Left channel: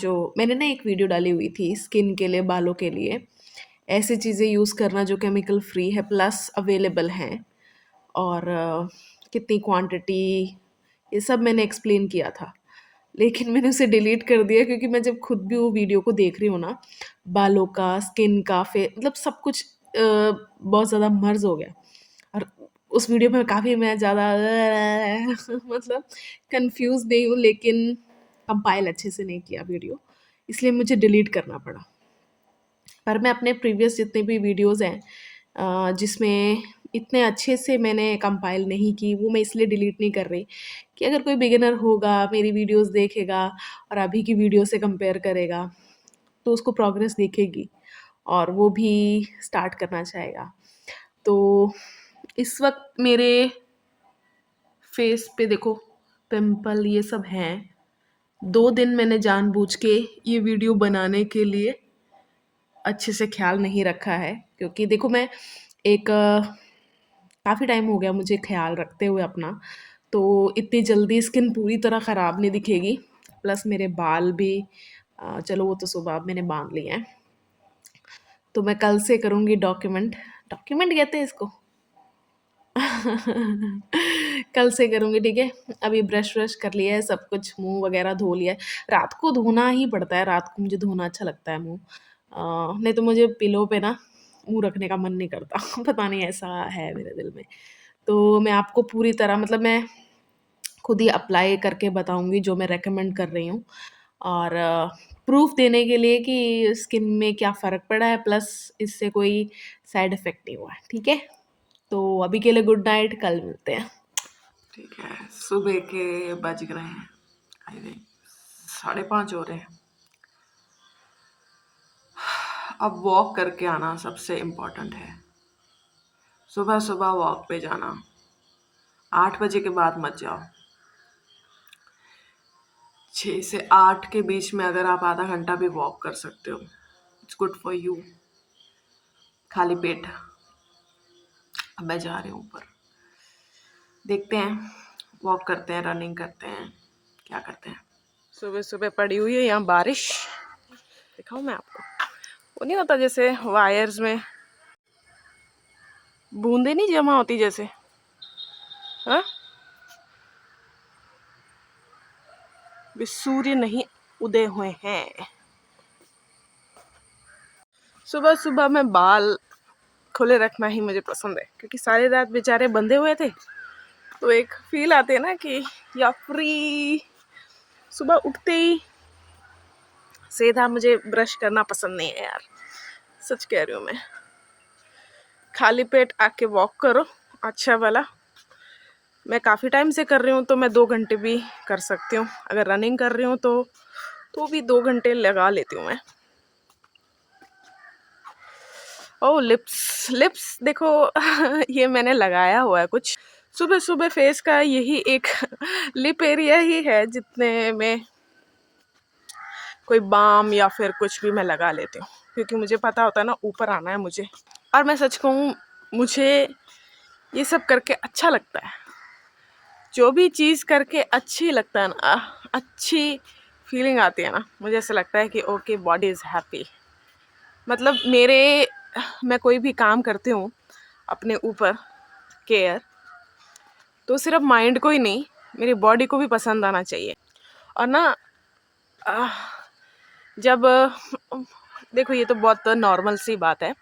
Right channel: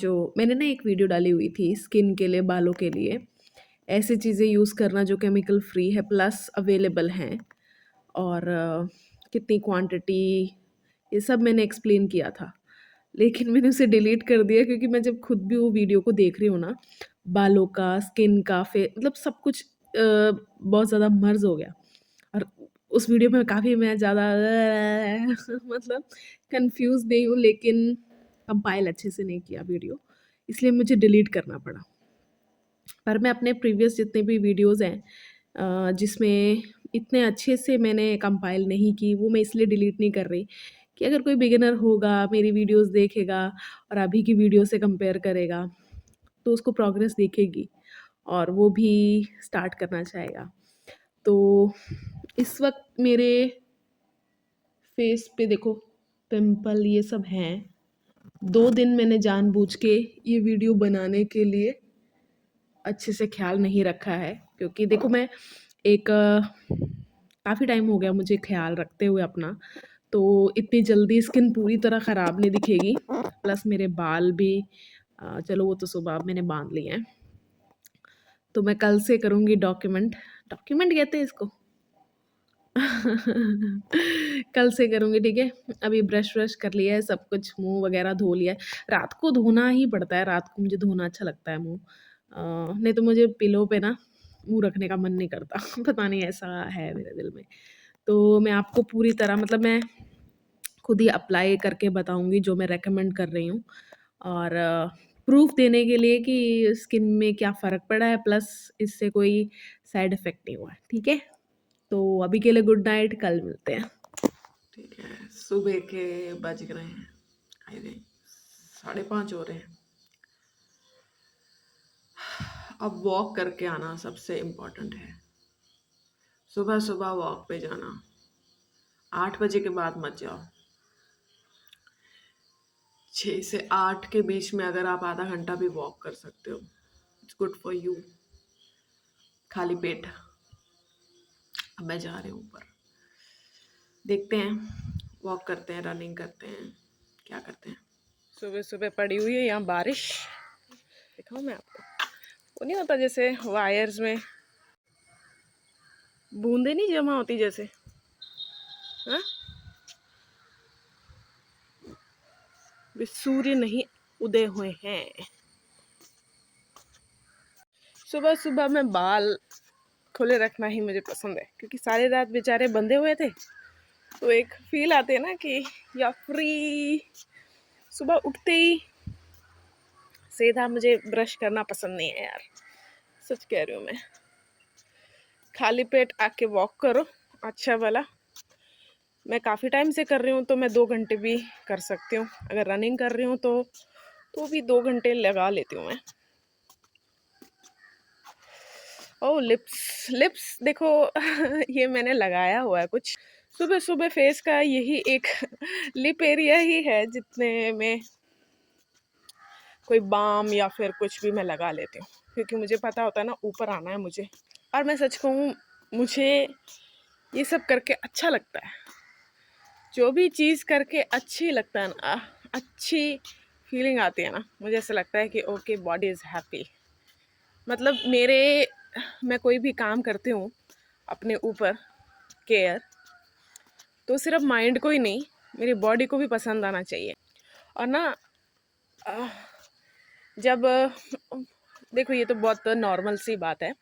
जो मैंने ना एक वीडियो डाली हुई थी स्किन के लिए, बालों के लिए, ऐसी चीज़ें यूज़ करना जो केमिकल फ्री है प्लस अवेलेबल हैं, और कितनी क्वांटिटी, ये सब मैंने एक्सप्लेन किया था। लेकिन मैंने उसे डिलीट कर दिया क्योंकि मैं जब खुद भी वो वीडियो को देख रही हूँ ना, बालों का, स्किन का, मतलब सब कुछ बहुत ज़्यादा मर्ज हो गया। और उस वीडियो में काफ़ी मैं ज़्यादा मतलब कंफ्यूज नहीं हूँ, लेकिन कंपाइल अच्छे से नहीं किया वीडियो, इसलिए मुझे डिलीट करना पड़ा। पर मैं अपने प्रीवियस जितने भी वीडियोज़ हैं जिसमें इतने अच्छे से मैंने कंपाइल नहीं की, वो मैं इसलिए डिलीट नहीं कर रही कि अगर कोई बिगिनर होगा, मेरी वीडियोज़ देखेगा और अभी की वीडियो से कंपेयर करेगा, तो उसको प्रोग्रेस दिखेगी और वो भी स्टार्ट करना चाहेगा। तो इस वक़्त मेरे फेस पे देखो पिंपल ये सब हैं। 2 दिन मैंने जानबूझ के ये वीडियो बनाने के लिए अच्छे से ख़्याल नहीं रखा है, क्योंकि देखो मैं एक काफ़ी टाइम हो गया मुझे ख़्याल रखते हुए अपना, तो इतनी जल्दी स्किन पूरी तरह ख़राब नहीं दिखेगी। प्लस मेरे बाल भी चलो वो तो सुबह मैंने बाँध लिए हैं। तो मैं कल से करूँगी डॉक्यूमेंट, डॉक्यूमेंट कहते हैं इसको? कल से करूँगी, ठीक है? अभी ब्रश व्रश कर लिया है, सब कुछ मुँह वगैरह धो लिया है। रात को धोना ही पड़ता है, रात को मुझे धोना अच्छा लगता है मुँह। नहीं तो मुझे पिलो पे ना मुँह रखने का मन नहीं करता। पता नहीं ऐसा है मेरे दिल में। तो मैं आपको पूरी तरह मतलब मैं खुद ही अप्लाई करके बताऊँगी जो मैं रिकमेंड कर रही हूँ, और प्रूफ़ देने के लिए कि स्किन में क्या फ़र्क पड़ा है, प्लस इससे कोई साइड इफ़ेक्ट नहीं हुआ है, ठीक है? तो अभी के लिए गुड नाइट, कल मिलते हैं। ठीक है, सुबह के बज रहे हैं, आई थिंक 5:30 हो रहे हैं। अब वॉक करके आना सबसे इम्पोर्टेंट है। सुबह सुबह वॉक पे जाना, 8 बजे के बाद मत जाओ। 6 से 8 के बीच में अगर आप आधा घंटा भी वॉक कर सकते हो, इट्स गुड फॉर यू। खाली पेट। अब मैं जा रही हूँ ऊपर, देखते हैं, वॉक करते हैं, रनिंग करते हैं, क्या करते हैं। सुबह सुबह पड़ी हुई है यहाँ बारिश, दिखाऊँ मैं आपको? वो नहीं होता जैसे वायर्स में बूंदे नहीं जमा होती जैसे, हाँ? भी सूर्य नहीं उदय हुए हैं। सुबह सुबह में बाल खुले रखना ही मुझे पसंद है, क्योंकि सारी रात बेचारे बंधे हुए थे, तो एक फील आती है ना कि या फ्री। सुबह उठते ही सीधा मुझे ब्रश करना पसंद नहीं है यार, सच कह रही हूँ मैं। खाली पेट आके वॉक करो अच्छा वाला। मैं काफ़ी टाइम से कर रही हूँ, तो मैं 2 घंटे भी कर सकती हूँ। अगर रनिंग कर रही हूँ तो भी 2 घंटे लगा लेती हूँ मैं। ओह लिप्स, लिप्स देखो ये मैंने लगाया हुआ है कुछ। सुबह सुबह फेस का यही एक लिप एरिया ही है जितने में कोई बाम या फिर कुछ भी मैं लगा लेती हूँ, क्योंकि मुझे पता होता है ना ऊपर आना है मुझे। और मैं सच कहूँ, मुझे ये सब करके अच्छा लगता है। जो भी चीज़ करके अच्छी लगता है ना, अच्छी फीलिंग आती है ना, मुझे ऐसा लगता है कि ओके बॉडी इज़ हैप्पी। मतलब मैं कोई भी काम करती हूँ अपने ऊपर केयर, तो सिर्फ माइंड को ही नहीं, मेरी बॉडी को भी पसंद आना चाहिए। और ना जब देखो ये तो बहुत नॉर्मल सी बात है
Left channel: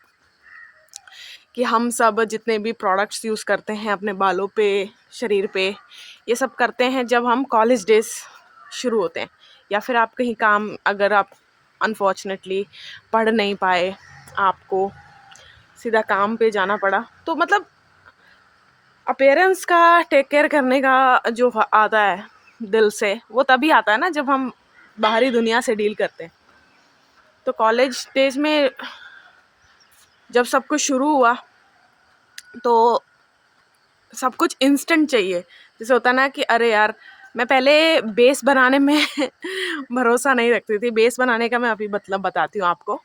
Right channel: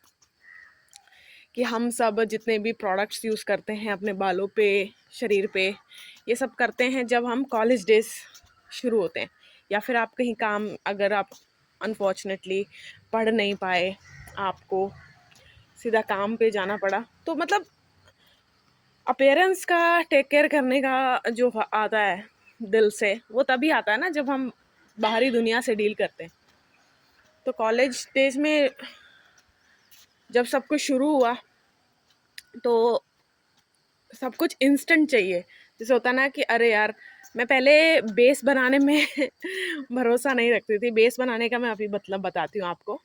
कि हम सब जितने भी प्रोडक्ट्स यूज़ करते हैं अपने बालों पे, शरीर पे, ये सब करते हैं जब हम कॉलेज डेज शुरू होते हैं, या फिर आप कहीं काम, अगर आप अनफॉर्चुनेटली पढ़ नहीं पाए, आपको सीधा काम पे जाना पड़ा, तो मतलब अपीयरेंस का टेक केयर करने का जो आता है दिल से, वो तभी आता है ना जब हम बाहरी दुनिया से डील करते हैं। तो कॉलेज डेज में जब सब कुछ शुरू हुआ तो सब कुछ इंस्टेंट चाहिए। जैसे होता ना कि अरे यार, मैं पहले बेस बनाने में भरोसा नहीं रखती थी। बेस बनाने का मैं अभी मतलब बताती हूँ आपको।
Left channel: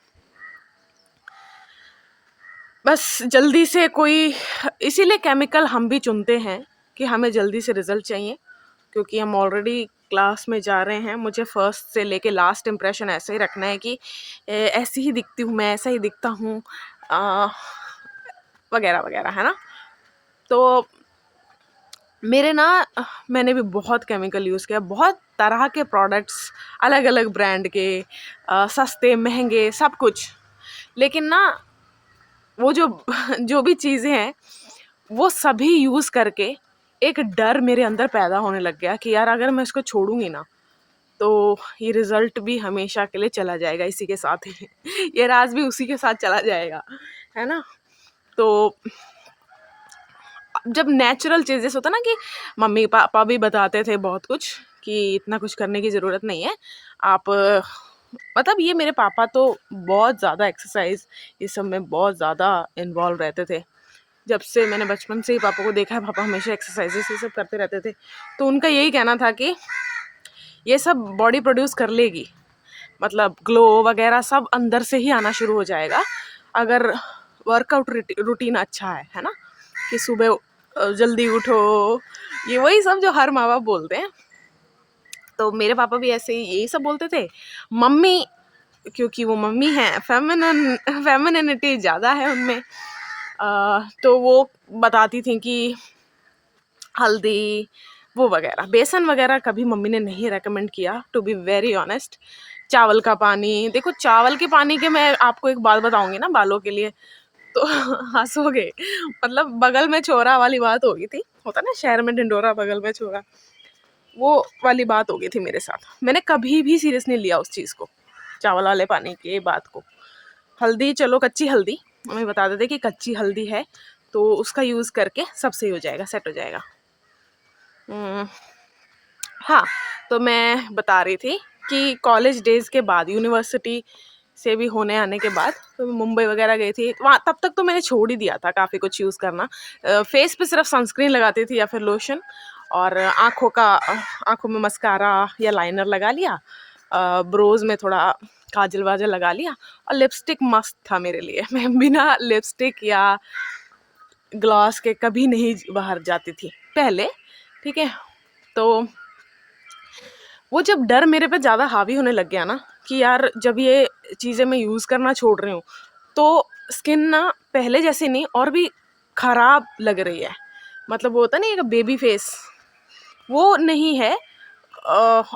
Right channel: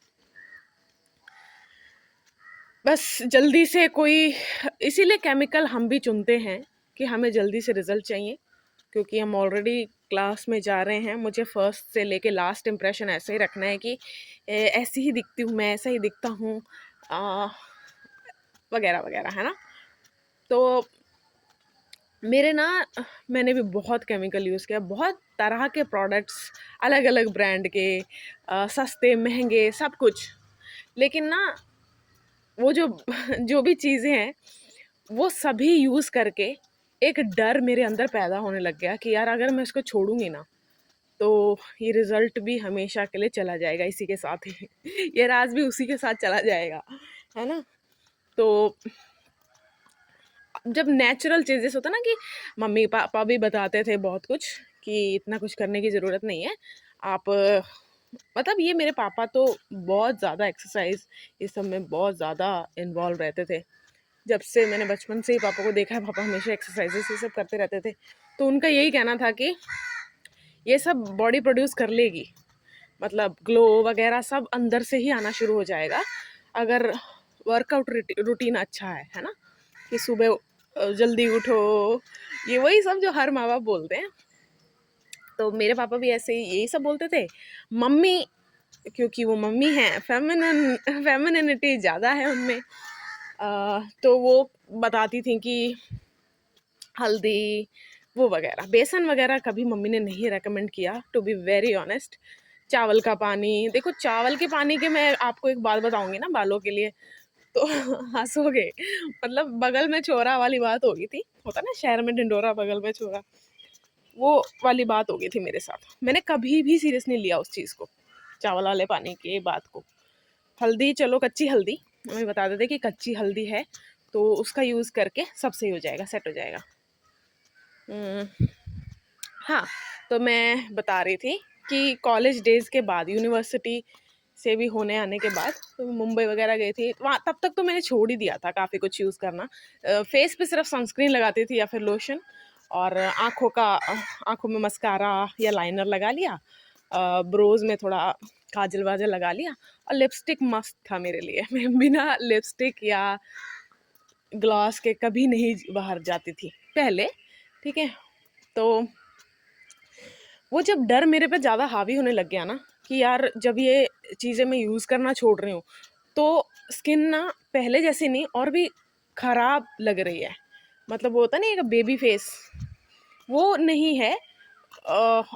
बस जल्दी से कोई, इसीलिए केमिकल हम भी चुनते हैं कि हमें जल्दी से रिजल्ट चाहिए, क्योंकि हम ऑलरेडी क्लास में जा रहे हैं, मुझे फर्स्ट से लेके लास्ट इम्प्रेशन ऐसे ही रखना है कि ऐसी ही दिखती हूँ मैं, ऐसा ही दिखता हूँ, वगैरह वगैरह, है ना। तो मेरे ना मैंने भी बहुत केमिकल यूज़ किया, बहुत तरह के प्रोडक्ट्स, अलग अलग ब्रांड के, सस्ते महंगे सब कुछ। लेकिन ना वो जो जो भी चीज़ें हैं वो सभी यूज़ करके एक डर मेरे अंदर पैदा होने लग गया कि यार अगर मैं इसको छोड़ूंगी ना तो ये रिजल्ट भी हमेशा के लिए चला जाएगा इसी के साथ ही ये राज भी उसी के साथ चला जाएगा, है ना। तो जब नेचुरल चीज़ें होता ना कि मम्मी पापा भी बताते थे बहुत कुछ कि इतना कुछ करने की ज़रूरत नहीं है, आप मतलब ये मेरे पापा तो बहुत ज़्यादा एक्सरसाइज इस सब में बहुत ज़्यादा इन्वॉल्व रहते थे। जब से मैंने बचपन से ही पापा को देखा है, पापा हमेशा एक्सरसाइजेस ये सब करते रहते थे। तो उनका यही कहना था कि ये सब बॉडी प्रोड्यूस कर लेगी, मतलब ग्लो वगैरह सब अंदर से ही आना शुरू हो जाएगा अगर वर्कआउट रूटीन अच्छा है ना। कि सुबह जल्दी उठो, ये वही सब जो हर माँ बाप बोलते हैं। तो मेरे पापा भी ऐसे ही यही सब बोलते थे। मम्मी, क्योंकि वो मम्मी है, फेमिनिटी ज़्यादा है उनमें, तो वो बताती थी कि हल्दी वो वगैरह, बेसन वगैरह कभी मम्मी ने नहीं रेकमेंड किया, टू बी वेरी ऑनेस्ट। चावल का पानी, देखो चावल के पानी के मैं आपको एक बात बताऊंगी ना बालों के लिए तो हंसोगे, मतलब बगल में छोरा वाली बात हो गई थी, होता ना शहर में ढिंडोरा बगल में छोरा, वो वाली बात हो गई थी मेरे साथ। मैंने कभी भी सीरियस नहीं लिया उस चीज़ को, चावल वाले पानी की बात को। हल्दी, चलो कच्ची हल्दी, मम्मी बता देते कि कच्ची हल्दी है तो उसका यूज़ करके सब सही हो जाएगा, सेट हो जाएगा। हाँ, तो मैं बता रही थी कि कॉलेज डेज़ के बाद, यूनिवर्सिटी से भी होने आने के बाद, तो मैं मुंबई वगैरह गई थी वहाँ। तब तक तो मैंने छोड़ ही दिया था काफ़ी कुछ यूज़ करना। फेस पे सिर्फ सनस्क्रीन लगाती थी या फिर लोशन, और आँखों में मस्कारा या लाइनर लगा लिया, ब्रोज में थोड़ा काजल वाजल लगा लिया, और लिपस्टिक मस्त था मेरे लिए। मैं बिना लिपस्टिक या ग्लॉस के कभी नहीं बाहर जाती थी पहले, ठीक है। तो वो जब डर मेरे पे ज़्यादा हावी होने लग गया ना कि यार जब ये चीज़ें मैं यूज़ करना छोड़ रही हूँ तो स्किन ना पहले जैसी नहीं और भी ख़राब लग रही है, मतलब वो होता नहीं एक बेबी फेस, वो नहीं है।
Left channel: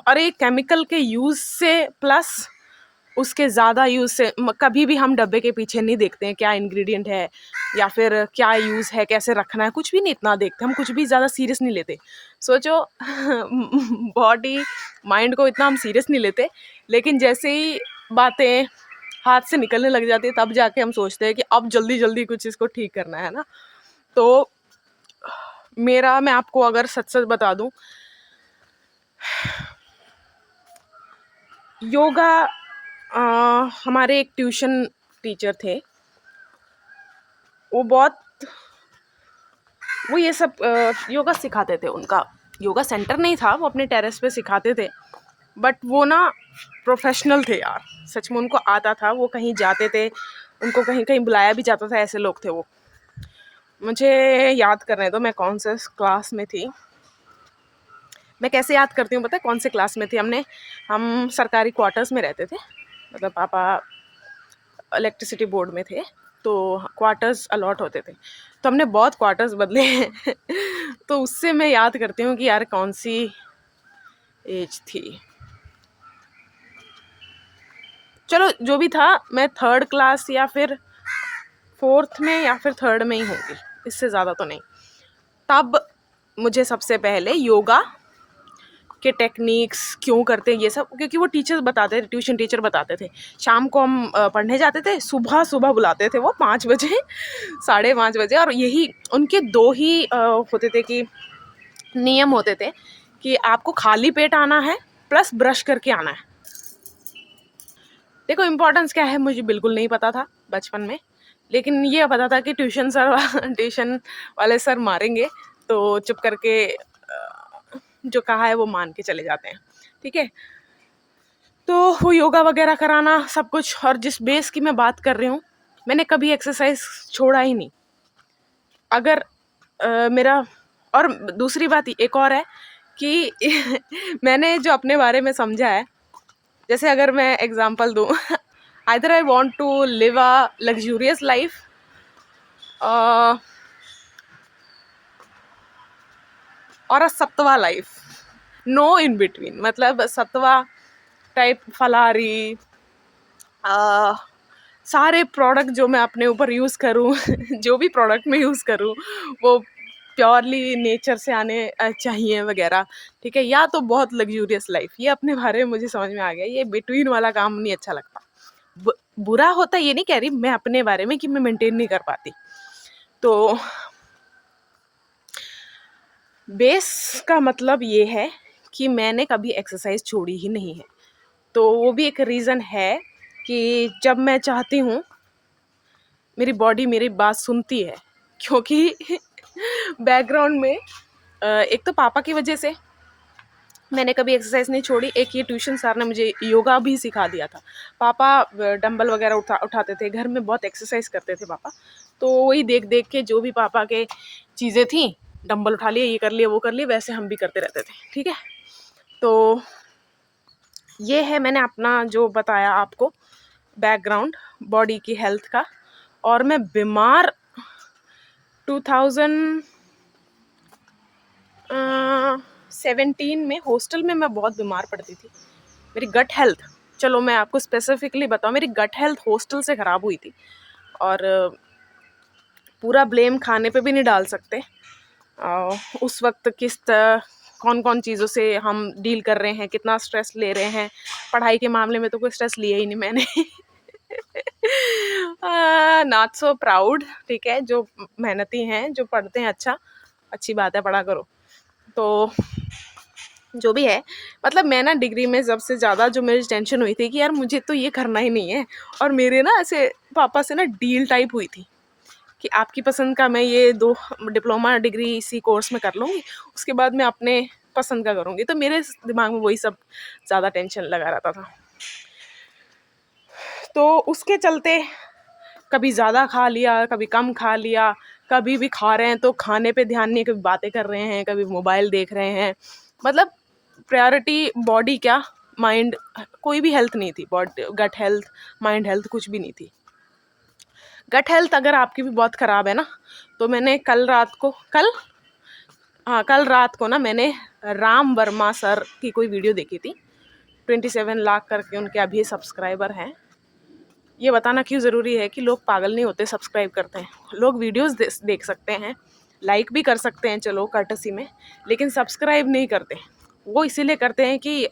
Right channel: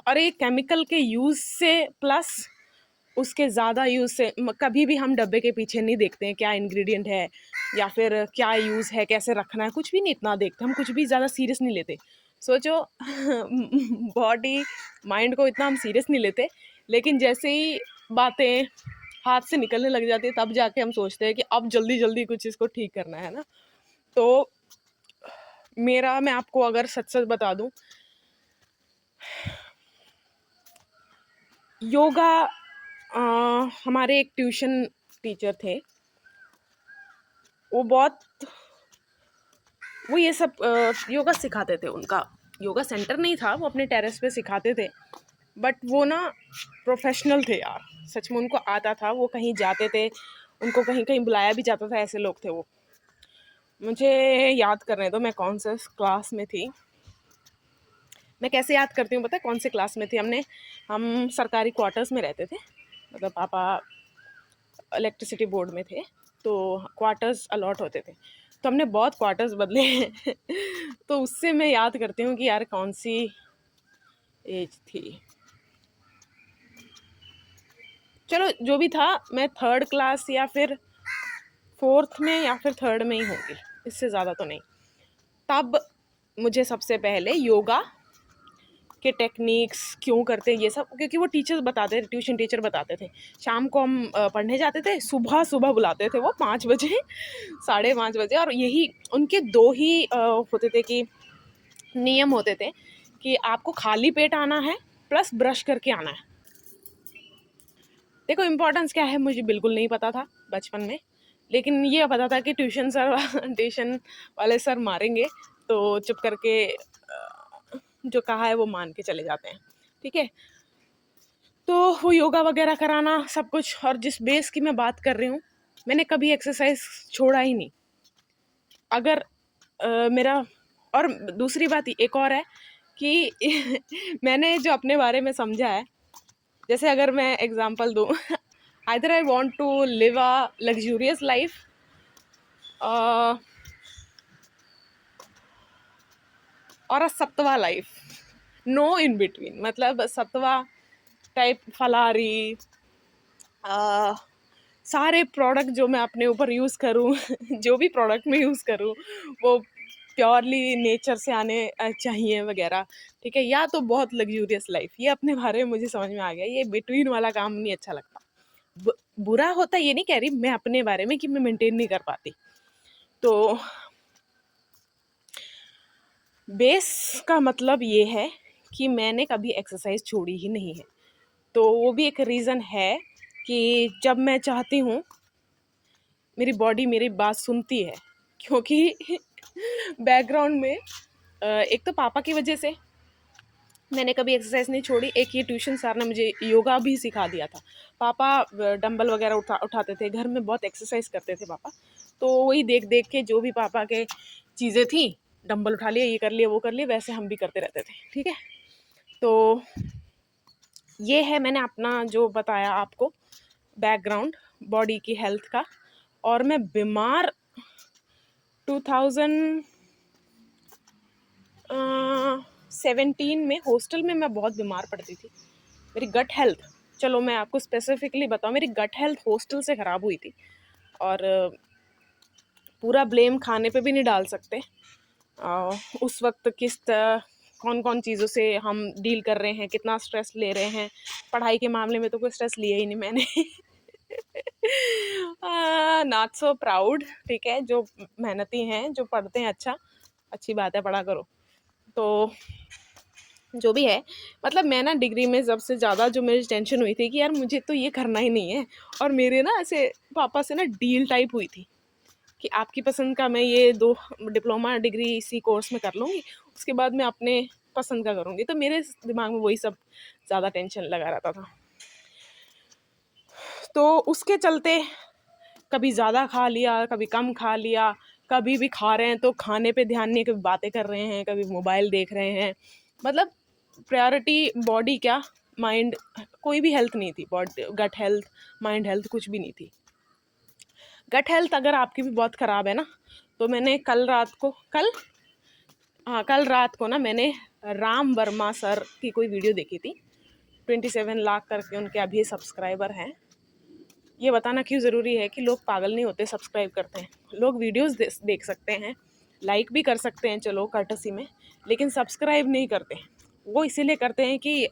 और ये केमिकल के यूज़ से प्लस उसके ज़्यादा यूज़ से कभी भी हम डब्बे के पीछे नहीं देखते हैं क्या इंग्रेडिएंट है या फिर क्या यूज़ है, कैसे रखना है, कुछ भी नहीं इतना देखते हम, कुछ भी ज़्यादा सीरियस नहीं लेते। सोचो बॉडी माइंड को इतना हम सीरियस नहीं लेते, लेकिन जैसे ही बातें हाथ से निकलने लग जाती है तब जाके हम सोचते हैं कि अब जल्दी जल्दी कुछ इसको ठीक करना है ना। तो मैं आपको अगर सच सच बता दूं, योगा, हमारे एक ट्यूशन टीचर थे, वो ये सब योगा सिखाते थे। उनका योगा सेंटर नहीं था, वो अपने टेरेस पे सिखाते थे, बट वो ना प्रोफेशनल थे यार, सच में उनको आता था, वो कहीं जाते थे, उनको कहीं कहीं बुलाया भी जाता था, ऐसे लोग थे वो। मुझे याद करने दो मैं कौन सा क्लास में थी, मैं कैसे याद करती हूँ पता है कौन से क्लास में थी। हम सरकारी क्वार्टर्स में रहते थे, मतलब पापा इलेक्ट्रिसिटी बोर्ड में थे, तो क्वार्टर्स अलॉट होते थे, तो हमने बहुत क्वार्टर्स बदले हैं तो उससे मैं याद करती हूँ कि यार कौन सी एज थी। चलो जो भी था, मैं थर्ड क्लास या फिर फोर्थ में या फिर थर्ड में ही होगी, इससे ज़्यादा तो नहीं। तब मुझे सबसे पहले योगा के टेक्निक्स क्यों करते हैं ये सब, क्योंकि वो टीचर्स बताते थे, ट्यूशन टीचर बताते थे। शाम को हम पढ़ने जाते थे, सुबह सुबह बुलाते थे वो 5 बजे 5:30 बजे, और यही उनके 2 ही होते थे कि नियम होते थे कि आपको खाली पेट आना है प्लस ब्रश करके आना है। देखो इम्पोर्टेंस क्या है मुझे बिल्कुल नहीं पता था बचपन में, लेकिन ये पता था कि ट्यूशन वाले सर मारेंगे तो चुप करके जो कहा है वो मान के चले जाते हैं, ठीक है। तो वो योगा वगैरह कराना सब कुछ, और जिस बेस की मैं बात कर रही हूँ, मैंने कभी एक्सरसाइज छोड़ा ही नहीं। अगर मेरा, और दूसरी बात एक और है कि मैंने जो अपने बारे में समझा है, जैसे अगर मैं एग्जांपल दूँ either I want to live a luxurious life और a sattva life, no in between. मतलब सत्वा टाइप फलाहारी, सारे प्रोडक्ट जो मैं अपने ऊपर यूज़ करूँ जो भी प्रोडक्ट मैं यूज़ करूँ वो प्योरली नेचर से आने चाहिए वगैरह, ठीक है। या तो बहुत लग्जूरियस लाइफ, ये अपने बारे में मुझे समझ में आ गया, ये बिटवीन वाला काम नहीं अच्छा लगता। बुरा होता ये नहीं कह रही मैं अपने बारे में कि मैं मेंटेन नहीं कर पाती। तो बेस का मतलब ये है कि मैंने कभी एक्सरसाइज छोड़ी ही नहीं है। तो वो भी एक रीज़न है कि जब मैं चाहती हूँ मेरी बॉडी मेरी बात सुनती है, क्योंकि बैकग्राउंड में एक तो पापा की वजह से मैंने कभी एक्सरसाइज नहीं छोड़ी। एक ये ट्यूशन सर ने मुझे योगा भी सिखा दिया था। पापा डंबल वगैरह उठाते थे, घर में बहुत एक्सरसाइज करते थे पापा। तो वही देख देख के जो भी पापा के चीज़ें थी, डंबल उठा लिए, ये कर लिए, वो कर लिए, वैसे हम भी करते रहते थे, ठीक है। तो ये है मैंने अपना जो बताया आपको बैकग्राउंड बॉडी की हेल्थ का। और मैं बीमार 2017 में हॉस्टल में मैं बहुत बीमार पड़ती थी। मेरी गट हेल्थ, चलो मैं आपको स्पेसिफिकली बताऊँ, मेरी गट हेल्थ हॉस्टल से ख़राब हुई थी। और पूरा ब्लेम खाने पे भी नहीं डाल सकते। उस वक्त कौन कौन चीज़ों से हम डील कर रहे हैं, कितना स्ट्रेस ले रहे हैं। पढ़ाई के मामले में तो कोई स्ट्रेस लिया ही नहीं मैंने। नॉट सो प्राउड, ठीक है। जो मेहनती हैं, जो पढ़ते हैं, अच्छी बात है, पढ़ा करो। तो जो भी है, मतलब मैं ना डिग्री में सबसे ज़्यादा जो मेरी टेंशन हुई थी कि यार मुझे तो ये करना ही नहीं है। और मेरे ना ऐसे पापा से ना डील टाइप हुई थी कि आपकी पसंद का मैं ये 2 डिप्लोमा डिग्री इसी कोर्स में कर लूँगी, उसके बाद मैं अपने पसंद का करूँगी। तो मेरे दिमाग में वही सब ज़्यादा टेंशन लगा रहता था। तो उसके चलते कभी ज़्यादा खा लिया, कभी कम खा लिया, कभी भी खा रहे हैं तो खाने पे ध्यान नहीं, कभी बातें कर रहे हैं, कभी मोबाइल देख रहे हैं। मतलब प्रायोरिटी बॉडी क्या, माइंड, कोई भी हेल्थ नहीं थी। गट हेल्थ, माइंड हेल्थ कुछ भी नहीं थी। गट हेल्थ अगर आपकी भी बहुत ख़राब है ना, तो मैंने कल रात को ना मैंने राम वर्मा सर की कोई वीडियो देखी थी। 27 लाख करके उनके अभी सब्सक्राइबर हैं। ये बताना क्यों ज़रूरी है कि लोग पागल नहीं होते, सब्सक्राइब करते हैं। लोग वीडियोस देख सकते हैं, लाइक भी कर सकते हैं, चलो कर्टसी में, लेकिन सब्सक्राइब नहीं करते। वो इसीलिए करते हैं कि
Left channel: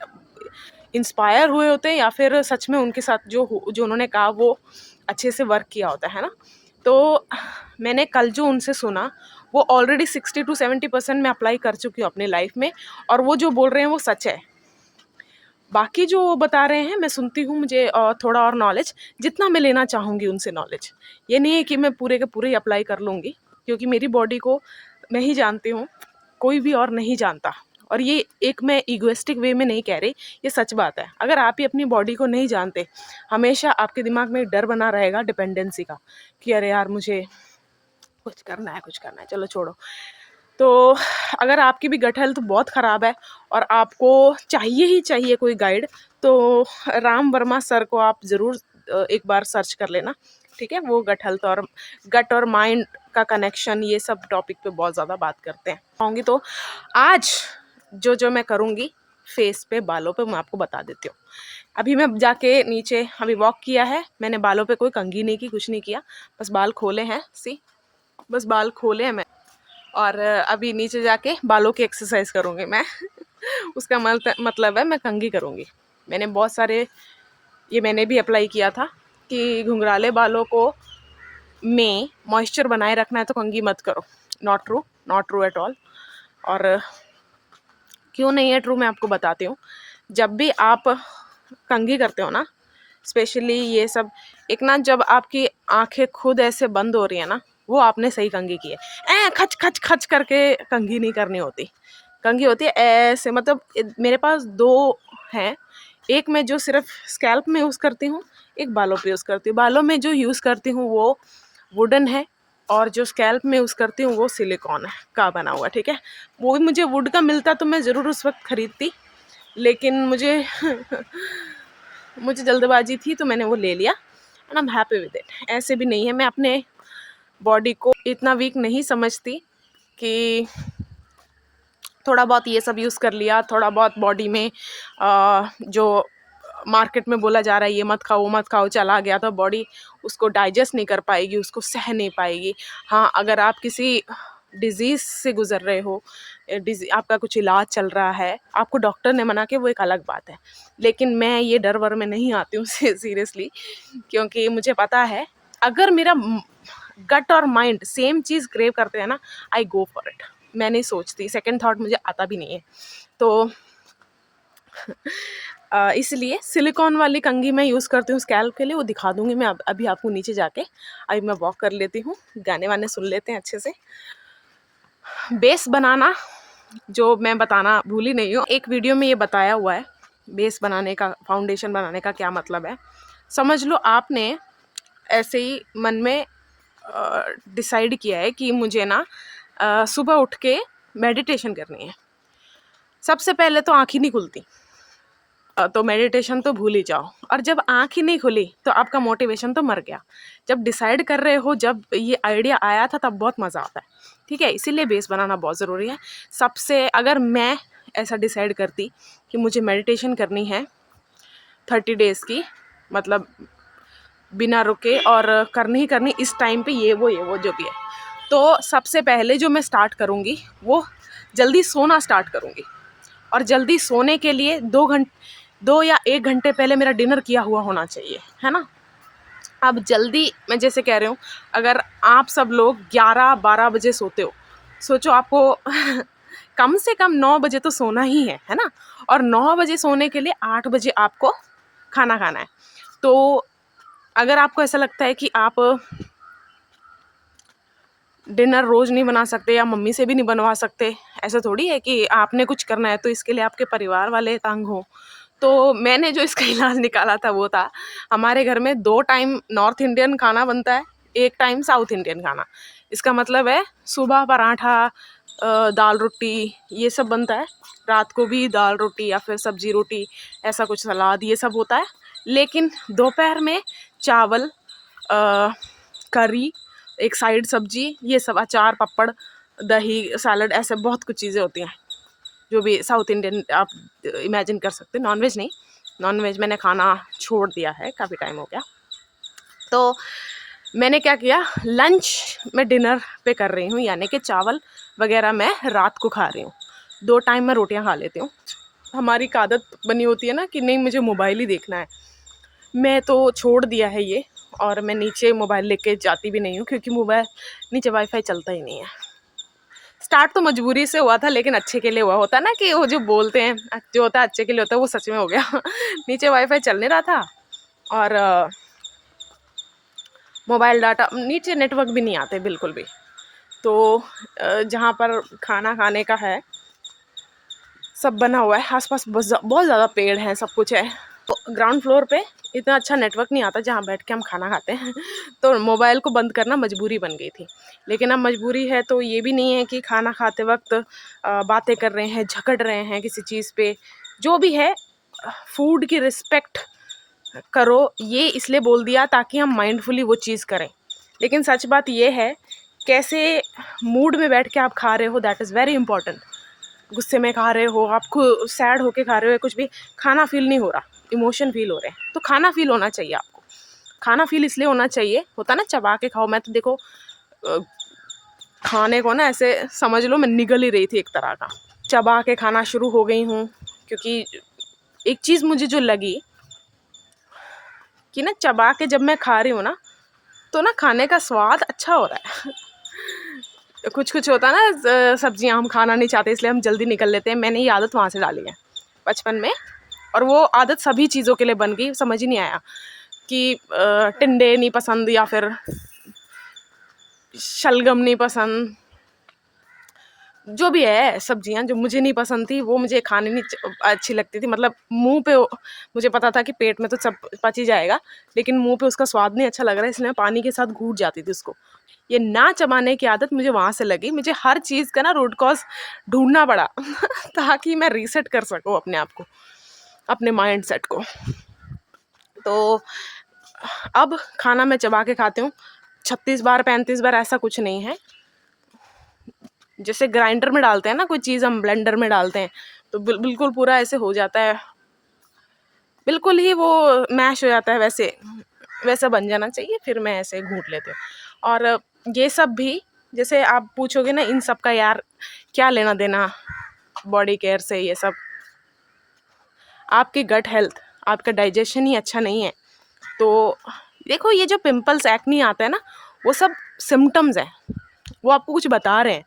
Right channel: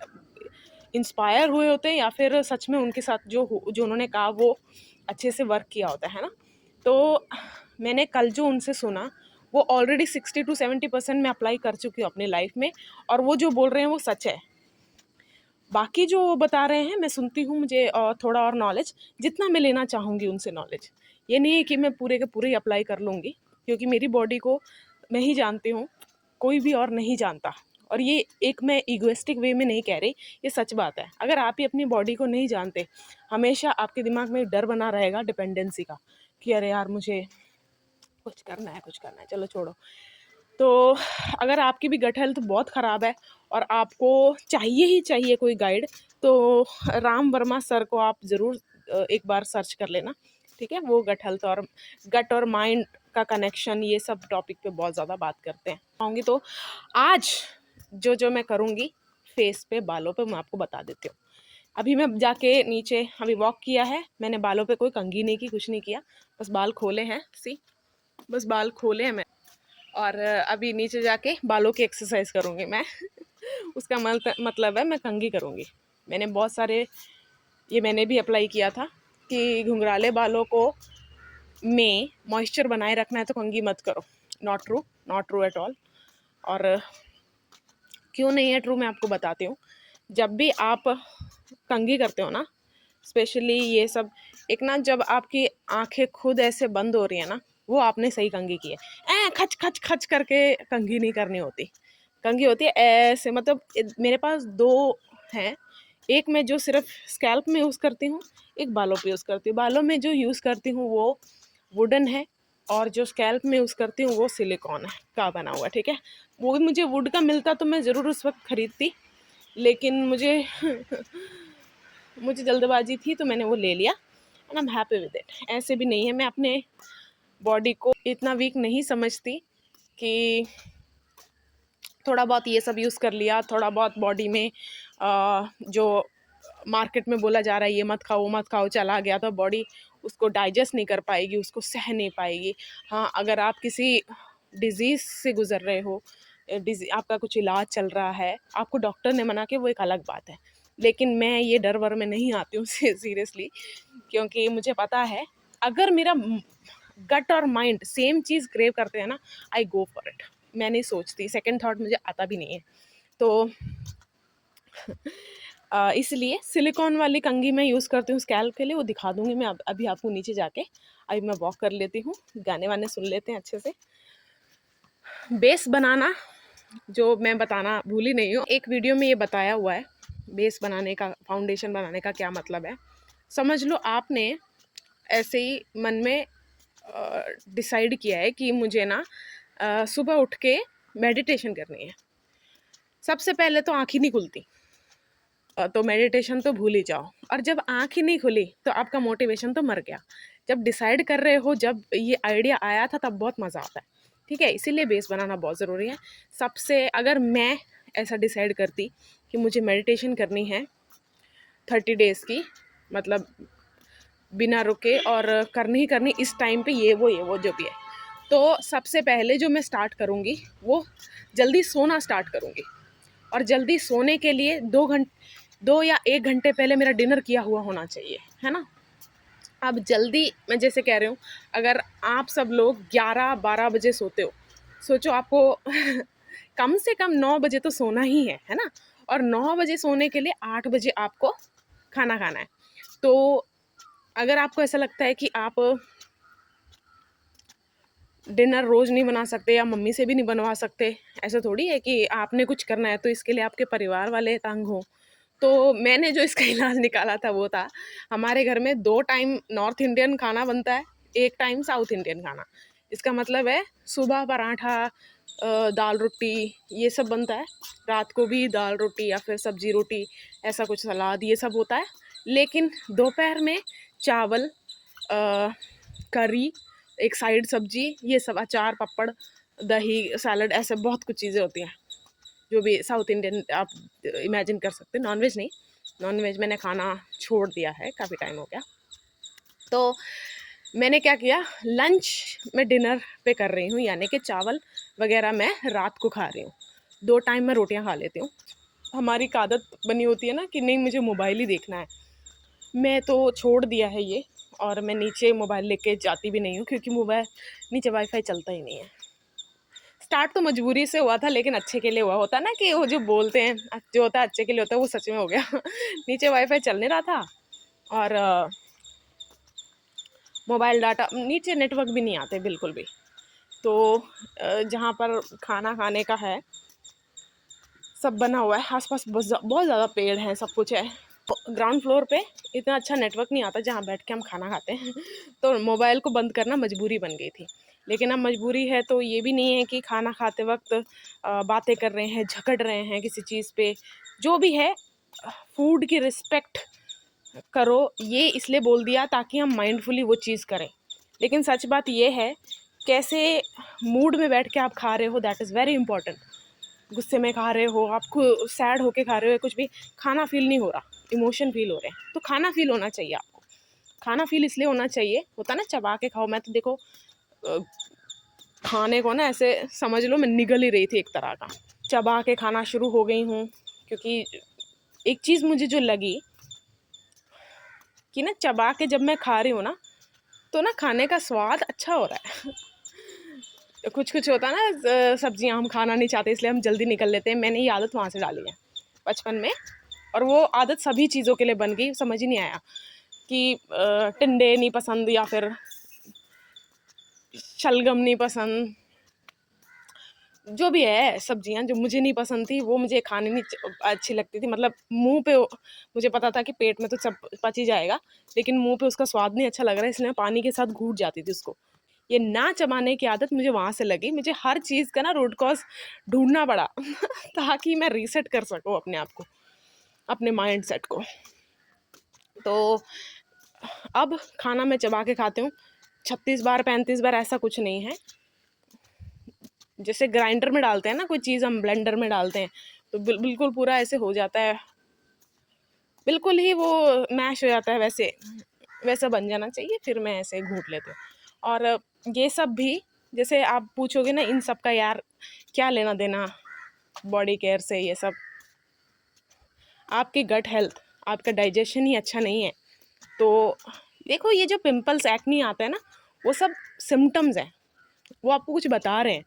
इंस्पायर हुए होते हैं, या फिर सच में उनके साथ जो उन्होंने कहा वो अच्छे से वर्क किया होता है ना। तो मैंने कल जो उनसे सुना वो ऑलरेडी 60-70% मैं अप्लाई कर चुकी हूँ अपनी लाइफ में, और वो जो बोल रहे हैं वो सच है। बाकी जो वो बता रहे हैं मैं सुनती हूँ, मुझे थोड़ा और नॉलेज, जितना मैं लेना चाहूँगी उनसे नॉलेज। ये नहीं है कि मैं पूरे के पूरे अप्लाई कर लूँगी, क्योंकि मेरी बॉडी को मैं ही जानती हूँ, कोई भी और नहीं जानता। और ये एक मैं ईगोइस्टिक वे में नहीं कह रही, ये सच बात है। अगर आप ही अपनी बॉडी को नहीं जानते, हमेशा आपके दिमाग में एक डर बना रहेगा डिपेंडेंसी का, कि अरे यार मुझे कुछ करना है, चलो छोड़ो। तो अगर आपकी भी गट हेल्थ बहुत ख़राब है और आपको चाहिए ही चाहिए कोई गाइड, तो राम वर्मा सर को आप ज़रूर एक बार सर्च कर लेना, ठीक है। वो गट और माइंड का कनेक्शन, ये सब टॉपिक पे बहुत ज़्यादा बात करते हैं आऊँगी। तो आज जो मैं करूँगी फेस पे, बालों पे, मैं आपको बता देती हूँ। अभी मैं जाके नीचे अभी वॉक किया है मैंने, बालों पे कोई कंघी नहीं की, कुछ नहीं किया, बस बाल खोले हैं, बस बाल खोले हैं मैं। और अभी नीचे जाके बालों की एक्सरसाइज करूँगी मैं। उसका मतलब है मैं कंघी करूँगी। मैंने बहुत सारे, ये मैंने भी अप्लाई किया था कि घुंघराले बालों को में मॉइस्चर बनाए रखना है तो कंघी मत करो। Not true at all. और क्यों नहीं है ट्रू, मैं आपको बताती हूँ। जब भी आप कंघी करते हो ना, स्पेशली ये सब, एक ना जब आपकी आंखें खुद ऐसे बंद हो रही है ना, वो आपने सही कंघी की है। खच खच खच करके कंघी नहीं करनी होती। कंघी होती है ऐसे, मतलब मेरे पास 2 हैं। एक मैं जो सिर्फ स्कैल्प में यूज़ करती हूँ, एक बालों पे यूज़ करती हूँ। बालों में जो यूज़ करती हूँ वो वुडन है, और जो स्कैल्प में यूज़ करती हूँ वो सिलिकॉन का बना हुआ, ठीक है। वो भी मुझे वुड का मिलता तो मैं ज़रूर उस वक्त ख़रीदती, लेकिन मुझे मुझे जल्दबाजी थी तो मैंने वो ले लिया and I am happy with it. ऐसे भी नहीं है, मैं अपने बॉडी को इतना वीक नहीं समझती कि थोड़ा बहुत ये सब यूज़ कर लिया, थोड़ा बहुत बॉडी में जो मार्केट में बोला जा रहा है ये मत खाओ वो मत खाओ चला गया तो बॉडी उसको डाइजेस्ट नहीं कर पाएगी, उसको सह नहीं पाएगी। हाँ, अगर आप किसी डिज़ीज़ से गुजर रहे हो, आपका कुछ इलाज चल रहा है, आपको डॉक्टर ने मना किया, वो एक अलग बात है। लेकिन मैं ये डर वर में नहीं आती हूँ सीरियसली, क्योंकि मुझे पता है अगर मेरा गट और माइंड सेम चीज़ क्रेव करते हैं ना, आई गो फॉर इट। मैं नहीं सोचती, सेकंड थॉट मुझे आता भी नहीं है। तो इसलिए सिलिकॉन वाली कंघी मैं यूज़ करती हूँ स्कैल्प के लिए, वो दिखा दूँगी मैं अभी आपको नीचे जाके। अभी मैं वॉक कर लेती हूँ, गाने वाने सुन लेते हैं अच्छे से। बेस बनाना जो मैं बताना भूली नहीं हूँ, एक वीडियो में ये बताया हुआ है बेस बनाने का, फाउंडेशन बनाने का क्या मतलब है। समझ लो आपने ऐसे ही मन में डिसाइड किया है कि मुझे ना सुबह उठ के मेडिटेशन करनी है। सबसे पहले तो आँख ही नहीं खुलती, तो मेडिटेशन तो भूल ही जाओ। और जब आँख ही नहीं खुली तो आपका मोटिवेशन तो मर गया। जब डिसाइड कर रहे हो, जब ये आइडिया आया था, तब बहुत मज़ा आता है, ठीक है। इसीलिए बेस बनाना बहुत ज़रूरी है। सबसे अगर मैं ऐसा डिसाइड करती कि मुझे मेडिटेशन करनी है 30 डेज़ की, मतलब बिना रुके और करनी ही करनी इस टाइम पे ये वो जो भी है, तो सबसे पहले जो मैं स्टार्ट करूँगी वो जल्दी सोना स्टार्ट करूँगी। और जल्दी सोने के लिए 2 या 1 घंटे पहले मेरा डिनर किया हुआ होना चाहिए, है ना। अब जल्दी मैं जैसे कह रही हूँ, अगर आप सब लोग 11-12 बजे सोते हो, सोचो आपको कम से कम 9 बजे तो सोना ही है ना। और 9 बजे सोने के लिए 8 बजे आपको खाना खाना है। तो अगर आपको ऐसा लगता है कि आप डिनर रोज़ नहीं बना सकते या मम्मी से भी नहीं बनवा सकते, ऐसा थोड़ी है कि आपने कुछ करना है तो इसके लिए आपके परिवार वाले तंग हों। तो मैंने जो इसका इलाज निकाला था वो था, हमारे घर में 2 टाइम नॉर्थ इंडियन खाना बनता है, 1 टाइम साउथ इंडियन खाना। इसका मतलब है सुबह पराठा, दाल रोटी ये सब बनता है, रात को भी दाल रोटी या फिर सब्जी रोटी, ऐसा कुछ सलाद ये सब होता है। लेकिन दोपहर में चावल, करी, एक साइड सब्जी, ये सब अचार, पापड़, दही, सैलड, ऐसे बहुत कुछ चीज़ें होती हैं जो भी साउथ इंडियन आप इमेजिन कर सकते हैं। नॉनवेज नहीं, नॉनवेज मैंने खाना छोड़ दिया है, काफ़ी टाइम हो गया। तो मैंने क्या किया, लंच मैं डिनर पे कर रही हूँ, यानी कि चावल वगैरह मैं रात को खा रही हूँ। 2 टाइम मैं रोटियाँ खा लेती हूँ। हमारी एक आदत बनी होती है ना कि नहीं मुझे मोबाइल ही देखना है, मैं तो छोड़ दिया है ये, और मैं नीचे मोबाइल लेके जाती भी नहीं हूँ, क्योंकि मोबाइल नीचे वाईफाई चलता ही नहीं है। स्टार्ट तो मजबूरी से हुआ था, लेकिन अच्छे के लिए हुआ, होता ना कि वो जो बोलते हैं जो होता है अच्छे के लिए होता है, वो सच में हो गया। नीचे वाईफाई चल नहीं रहा था और मोबाइल डाटा, नीचे नेटवर्क भी नहीं आते बिल्कुल भी। तो जहाँ पर खाना खाने का है सब बना हुआ है, आसपास बहुत ज़्यादा पेड़ हैं, सब कुछ है। तो ग्राउंड फ्लोर पे इतना अच्छा नेटवर्क नहीं आता जहाँ बैठ के हम खाना खाते हैं। तो मोबाइल को बंद करना मजबूरी बन गई थी। लेकिन अब मजबूरी है तो ये भी नहीं है कि खाना खाते वक्त बातें कर रहे हैं, झगड़ रहे हैं किसी चीज़ पे। जो भी है, फूड की रिस्पेक्ट करो, ये इसलिए बोल दिया ताकि हम माइंडफुली वो चीज़ करें। लेकिन सच बात ये है, कैसे मूड में बैठ के आप खा रहे हो, दैट इज़ वेरी इंपॉर्टेंट। गुस्से में खा रहे हो, आपको सैड होके खा रहे हो, कुछ भी खाना फील नहीं हो रहा, इमोशन फील हो रहे हैं, तो खाना फील होना चाहिए आपको। खाना फील इसलिए होना चाहिए, होता ना चबा के खाओ। मैं तो देखो खाने को ना ऐसे समझ लो मैं निगल ही रही थी एक तरह का, चबा के खाना शुरू हो गई हूँ। क्योंकि एक चीज़ मुझे जो लगी कि ना चबा के जब मैं खा रही हूँ ना, तो ना खाने का स्वाद अच्छा हो रहा है। कुछ कुछ होता है ना, सब्जियां हम खाना नहीं चाहते इसलिए हम जल्दी निकल लेते हैं, मैंने ये आदत वहाँ से डाली है बचपन में, और वो आदत सभी चीज़ों के लिए बन गई। समझ ही नहीं आया कि टिंडे नहीं पसंद या फिर शलगम नहीं पसंद, जो भी है सब्जियाँ जो मुझे नहीं पसंद थी वो मुझे खाने नहीं अच्छी लगती थी, मतलब मुँह पे मुझे पता था कि पेट में तो सब पच ही जाएगा, लेकिन मुँह पे उसका स्वाद नहीं अच्छा लग रहा है, इसलिए मैं पानी के साथ घूट जाती थी उसको। ये ना चबाने की आदत मुझे वहाँ से लगी, मुझे हर चीज़ का ना रूट कॉज़ ढूँढना पड़ा ताकि मैं रीसेट कर सकूँ अपने आप को, अपने माइंडसेट को। तो अब खाना मैं चबा के खाती हूँ, 36 बार 35 बार ऐसा कुछ नहीं है। जैसे ग्राइंडर में डालते हैं ना कोई चीज़, हम ब्लेंडर में डालते हैं तो बिल्कुल पूरा ऐसे हो जाता है, बिल्कुल ही वो मैश हो जाता है, वैसे वैसा बन जाना चाहिए, फिर मैं ऐसे घूट लेती हूँ। और ये सब भी, जैसे आप पूछोगे ना इन सब का यार क्या लेना देना बॉडी केयर से, ये सब आपकी गट हेल्थ, आपका डाइजेशन ही अच्छा नहीं है तो देखो ये जो पिंपल्स एक्नी आता है ना, वो सब सिम्टम्स है, वो आपको कुछ बता रहे हैं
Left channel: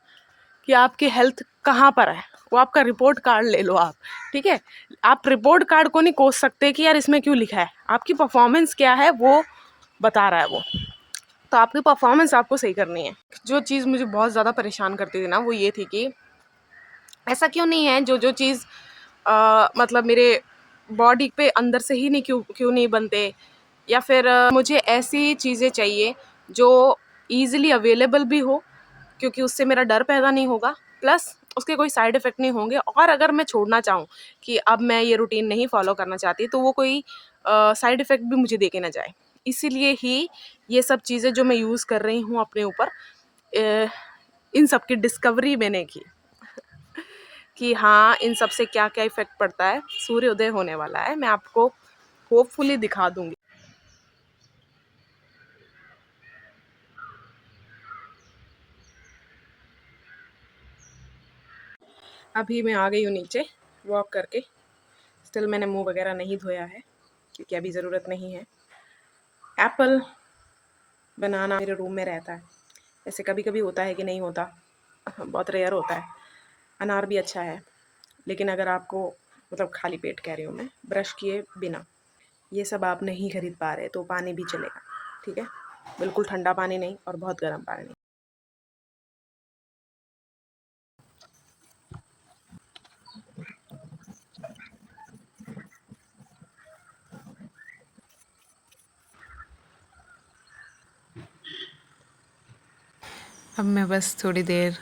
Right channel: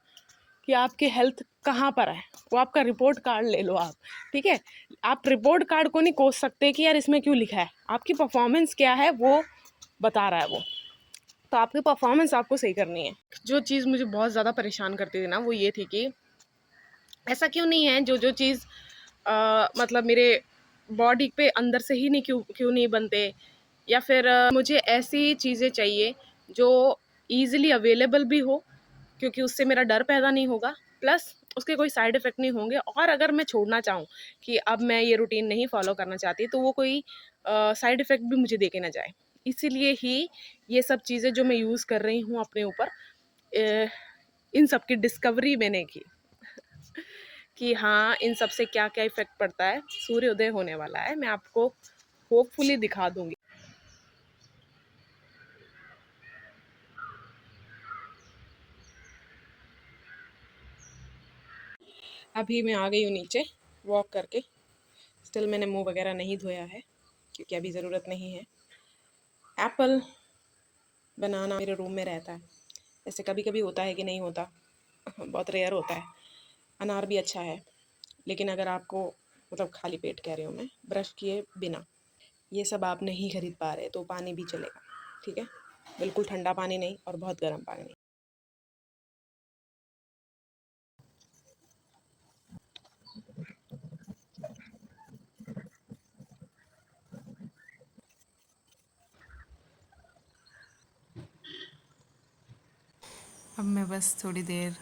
कि आपकी हेल्थ कहाँ पर है। वो आपका रिपोर्ट कार्ड ले लो आप, ठीक है। आप रिपोर्ट कार्ड को नहीं कोस सकते कि यार इसमें क्यों लिखा है, आपकी परफॉर्मेंस क्या है वो बता रहा है वो। तो आपकी परफॉर्मेंस आपको सही करनी है। जो चीज़ मुझे बहुत ज़्यादा परेशान करती थी ना वो ये थी कि ऐसा क्यों नहीं है जो जो चीज़ मतलब मेरे बॉडी पे अंदर से ही नहीं क्यों क्यों नहीं बनते, या फिर मुझे ऐसी चीज़ें चाहिए जो ईज़िली अवेलेबल भी हो, क्योंकि उससे मेरा डर पैदा नहीं होगा, प्लस उसके कोई साइड इफ़ेक्ट नहीं होंगे, और अगर मैं छोड़ना चाहूँ कि अब मैं ये रूटीन नहीं फ़ॉलो करना चाहती तो वो कोई साइड इफ़ेक्ट भी मुझे दे के ना जाए। इसीलिए ही ये सब चीज़ें जो मैं यूज़ कर रही हूँ अपने ऊपर, इन सब की डिस्कवरी मैंने की कि हाँ, इन सब से क्या-क्या इफ़ेक्ट पड़ता है। सूर्योदय होने वाला है, मैं आपको होपफुली दिखा दूँगी। अभी मैं आ गई हूँ नीचे वॉक करके। स्टिल मैंने मुँह वगैरह नहीं धोया है क्योंकि अभी ज़रूरत नहीं है। एप्पल, बनाना मेरे रूम में रहता है। ऐसे कभी-कभी होता है कि नहीं होता, बहुत रेयर होता है। अनार भी अच्छा है, लेकिन अगर आपको मतलब खाली पेट कह रही हूँ मैं, ब्रश किए बिना, ये सब आप नहीं खरीद पा रहे तो पानी भी चलेगा, ठीक है? बिल्कुल ठंडा पानी नहीं और बहुत गर्म पानी नहीं। अब मैं बस थोड़ी देर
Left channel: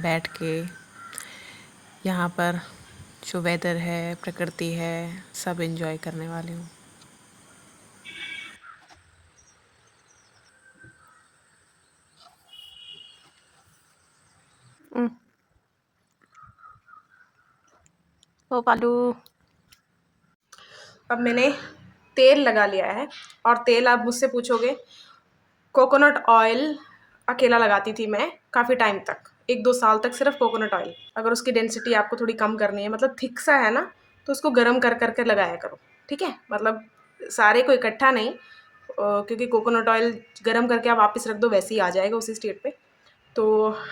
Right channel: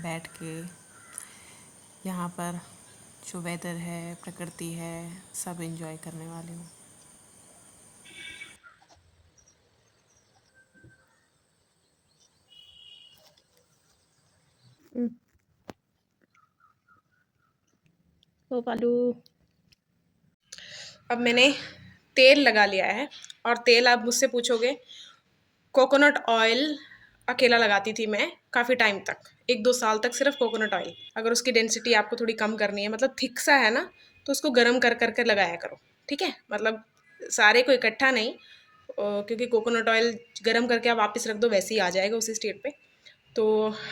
बैठ के यहाँ पर जो वेदर है, प्रकृति है, सब एंजॉय करने वाली हूँ। ओ पालू, अब मैंने तेल लगा लिया है, और तेल आप मुझसे पूछोगे, कोकोनट ऑयल अकेला लगाती थी मैं काफ़ी टाइम तक, 1-2 साल तक सिर्फ कोकोनट ऑयल। अगर उसकी डेंसिटी आपको थोड़ी कम करनी है, मतलब थिक सा है ना, तो उसको गर्म कर कर के लगाया करो, ठीक है? मतलब सारे को इकट्ठा नहीं, क्योंकि कोकोनट ऑयल गर्म करके आप वापस रख दो वैसे ही आ जाएगा उसी स्टेट पे। तो